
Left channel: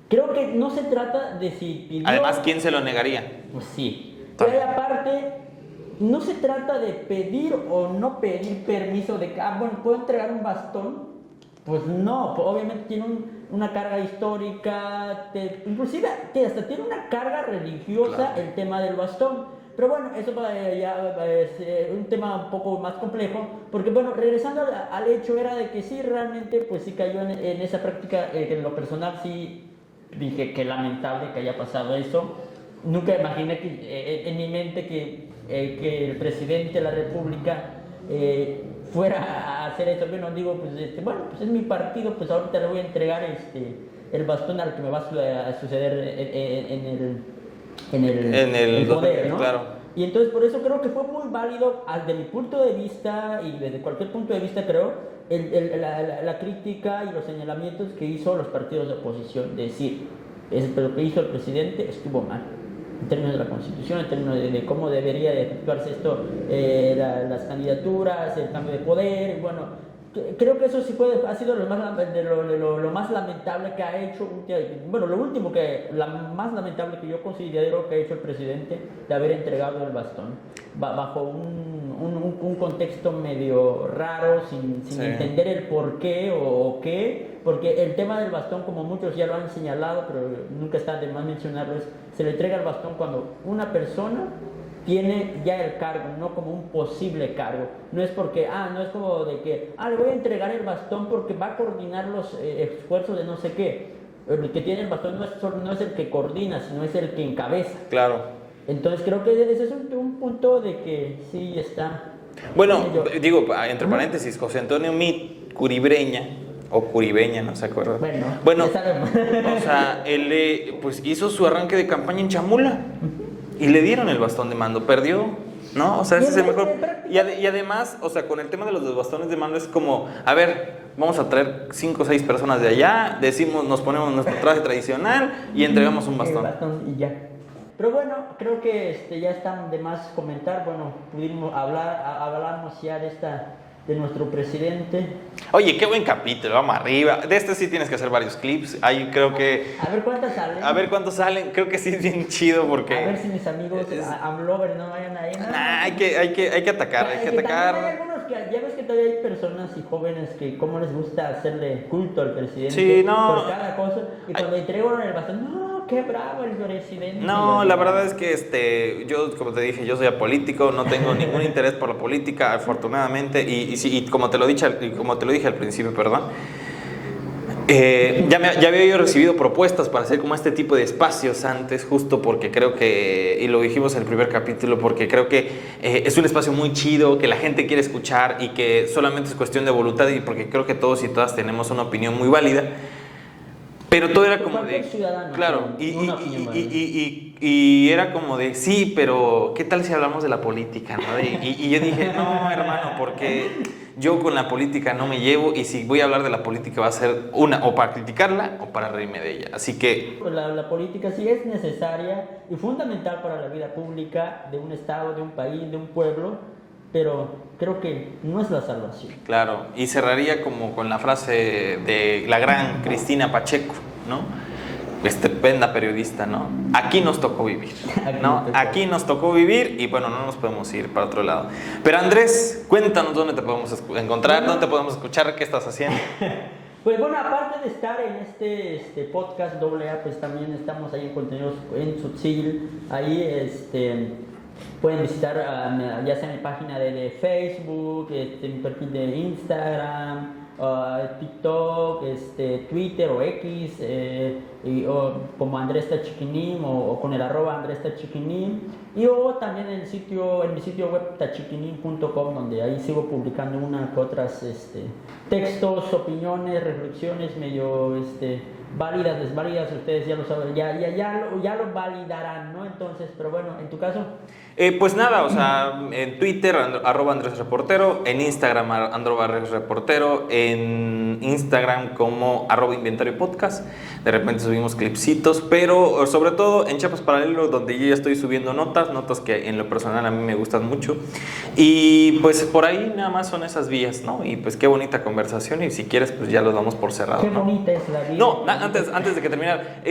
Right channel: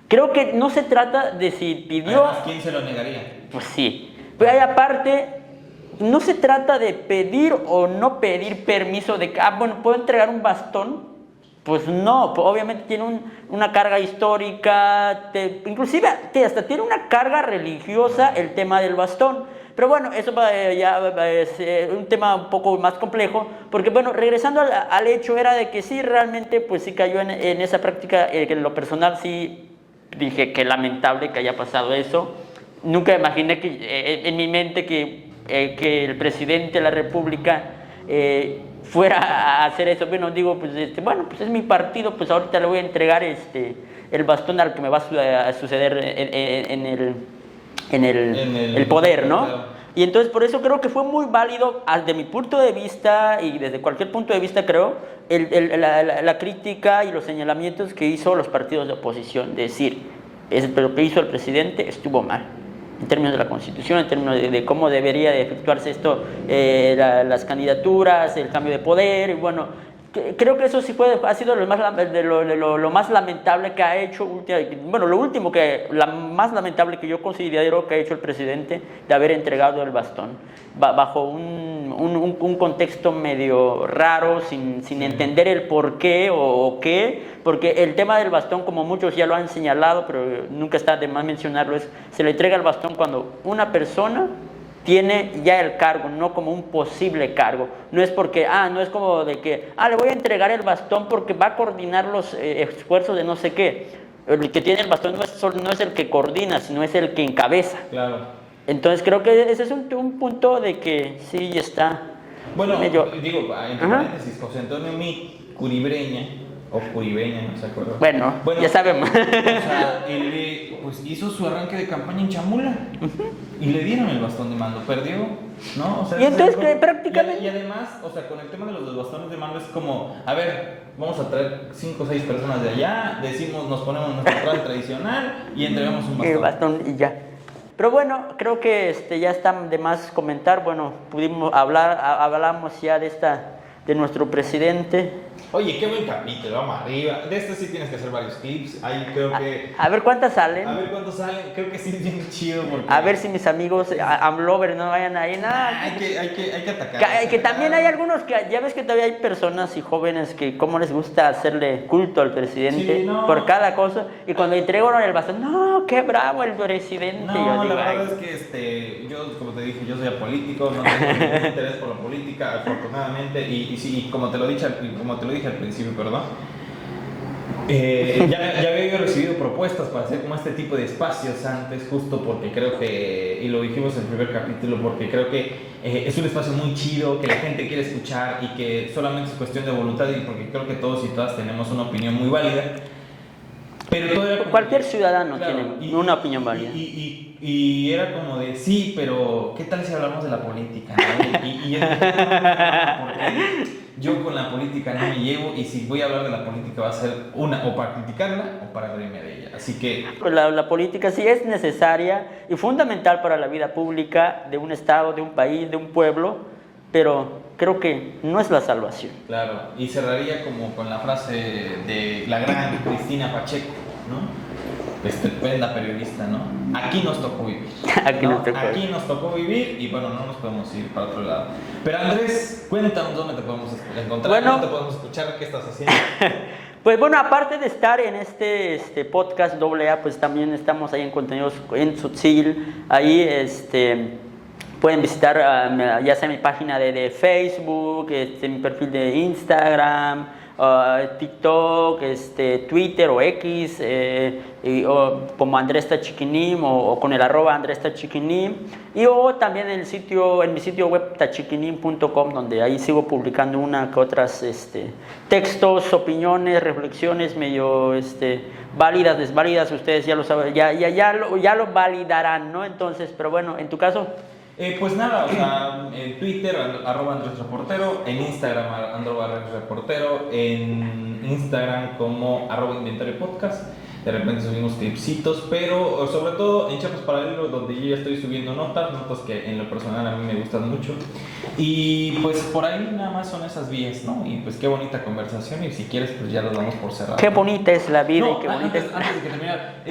Creo que no se trata de si pidió... Además, ¿quién se lo negaría? Pues sí. Pero ahí aparte, no se trata de pedir o no pedir permiso de que, bueno, ¿puedo entregar un bastón? Pues no, obviamente tiene una carga histórica, inclusive hasta tiene una carga religiosa el tema del bastón. Pero bueno, eso ya es un tema un poco más complejo, porque bueno, regresando al hecho era de que sí, realmente pues sí cayó en esa práctica, que en lo personal sí... Dije que lamentable que haya pasado eso. Nunca imaginé en mi mente que el presidente de la República fuera a hacer eso. Bueno, digo, pues es mi partido, pues ahorita le voy a entregar el bastón al que me va a suceder en el poder, ¿no? Claro. Y entonces por eso creo que fue muy válido, desde mi punto de vista y desde cualquier punto de vista creo, la crítica y los señalamientos que hizo los partidos de oposición, de decir, lo que hizo el presidente estuvo mal, en términos de la Constitución, en términos de cómo debería de efectuarse esto, las candidaturas, el cambio de poder, y bueno, creo que eso sí ha sido lo más lamentable que ha hecho, bueno, más lamentable que yo considero que ha hecho el presidente de haber entregado el bastón, bajo un contexto medio raro, sin entender el por qué o qué, porque el tema del bastón, como muchos ya lo han señalado, pero nunca está de más mencionarlo, se le entrega el bastón cuando una persona tiene ya el cargo, no como un posible cargo. No es porque, no es como de que, le voy a entregar el bastón porque va a coordinar los esfuerzos de no sé qué. El que tiene el bastón no es el que coordina, sino es el que encabeza. Claro. Entonces creo que ese es un punto de que sí está Bueno, Yo- digo, entre Ajá. paréntesis, José Antonio Mi Curibreña, o Curibeña, no se acuerda. Bueno, ya sabemos. O sea, él pues hizo su arranque de campaña en Chamula y le dieron el bastón de mando, perdió, ¿no? O sea, Y ese es el entonces, mejor- prácticamente- y además, o sea, con el tema de los bastones de mando es como, a ver, vamos a traer 5 o 6 personas de allá, decimos, nos ponemos nuestro traje tradicional y entregamos un El bastón. bastón y ya. Pero bueno, creo que ya está de más comentar. Bueno, pudimos hablamos ya de nuestro presidente. Oye, qué buen capítulo, vamos arriba. De este sí tienes que hacer varios clips. Ahí creo que. A ver cuántas salen. A ver cuántos salen. Creo que sí es bien chido porque. A ver si mis amigos Amlovers no vayan ahí. Nah, hay que atacar. Que también hay algunos que, ya ves que todavía hay personas y jóvenes que cómo les gusta hacerle culto al presidente Sí, no. por cada cosa. Y cuando entregaron el bastón, no, qué bravo el presidente. No, Y la así, verdad ay. es que yo, como te dije, yo soy apolítico, no tengo ningún interés por la política, afortunadamente, y como te lo dije al principio, perdón, ya había yo recibido propuestas para hacer como este tipo de espacios antes, justo porque creo que, y lo dijimos en el primer capítulo, porque creo que es un espacio muy chido, que la gente quiere escuchar y que solamente es cuestión de voluntad, y porque creo que todos y todas tenemos una opinión muy válida. Pero todo era como Cualquier ciudadano tiene una opinión válida. Y era como de, sí, pero ¿qué tal si hablamos de la política? ¿No? Y yo dije, no, hermano, porque yo con la política no me llevo, y si voy a hablar de la política va a ser o para criticarla o para reírme de ella. Así que La política sí es necesaria y fundamental para la vida pública de un estado, de un país, de un pueblo, pero creo que no es la salvación. claro, y cerraría como con la frase de la gran Cristina Pacheco, ¿no? Estupenda periodista, ¿no? Aquí nos tocó vivir. Aquí nos tocó vivir y bueno, no nos podemos ir para otro lado. Pero Andrés, cuéntanos dónde te podemos encontrar, Bueno. dónde te podemos escuchar, qué estás haciendo. Pues bueno, aparte de estar en este podcast AA, pues también estamos ahí en contenidos en Tzotzil. Ahí pueden visitar ya sea mi página de Facebook, mi perfil de Instagram, TikTok, Twitter o X, o como Andrés Tachiquinim o con el @Andrés Tachiquinim, y o también en mi sitio web tachiquinim.com, donde ahí sigo publicando una que otras textos, opiniones, reflexiones medio válidas, desválidas. Ustedes ya lo saben, ya lo validarán, ¿no? Entonces, pero bueno, en tu caso. Pues nada, o sea, en Twitter, @Andrés Reportero, en Instagram, @Andrés Reportero, en Instagram como @Inventario Podcast. De repente subimos clipsitos, pero sobre todo en Chiapas Paralelo, donde yo ya estoy subiendo notas que en lo personal a mí me gustan mucho. Y pues por ahí nada más son esas vías, ¿no? Y pues qué bonita conversación, y si quieres pues ya los damos por cerrado. Qué bonita es la vida. No, y qué bonita antes de que terminar,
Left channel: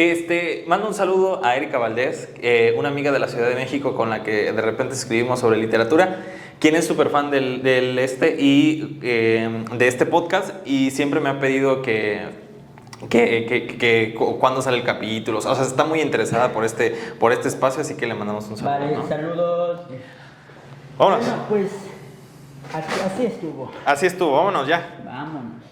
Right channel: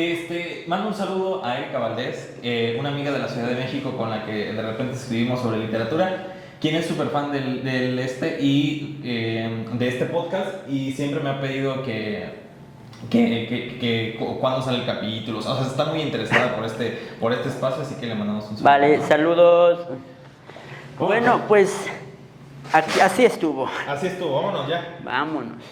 mando un saludo a Erika Valdés, una amiga de la Ciudad de México con la que de repente escribimos sobre literatura, quien es súper fan de este podcast, y siempre me ha pedido que cuándo sale el capítulo. O sea, está muy interesada por este espacio, así que le mandamos un saludo. Vale, ¿no? saludos. Vámonos. Bueno, pues así estuvo. Así estuvo, vámonos ya. Vámonos.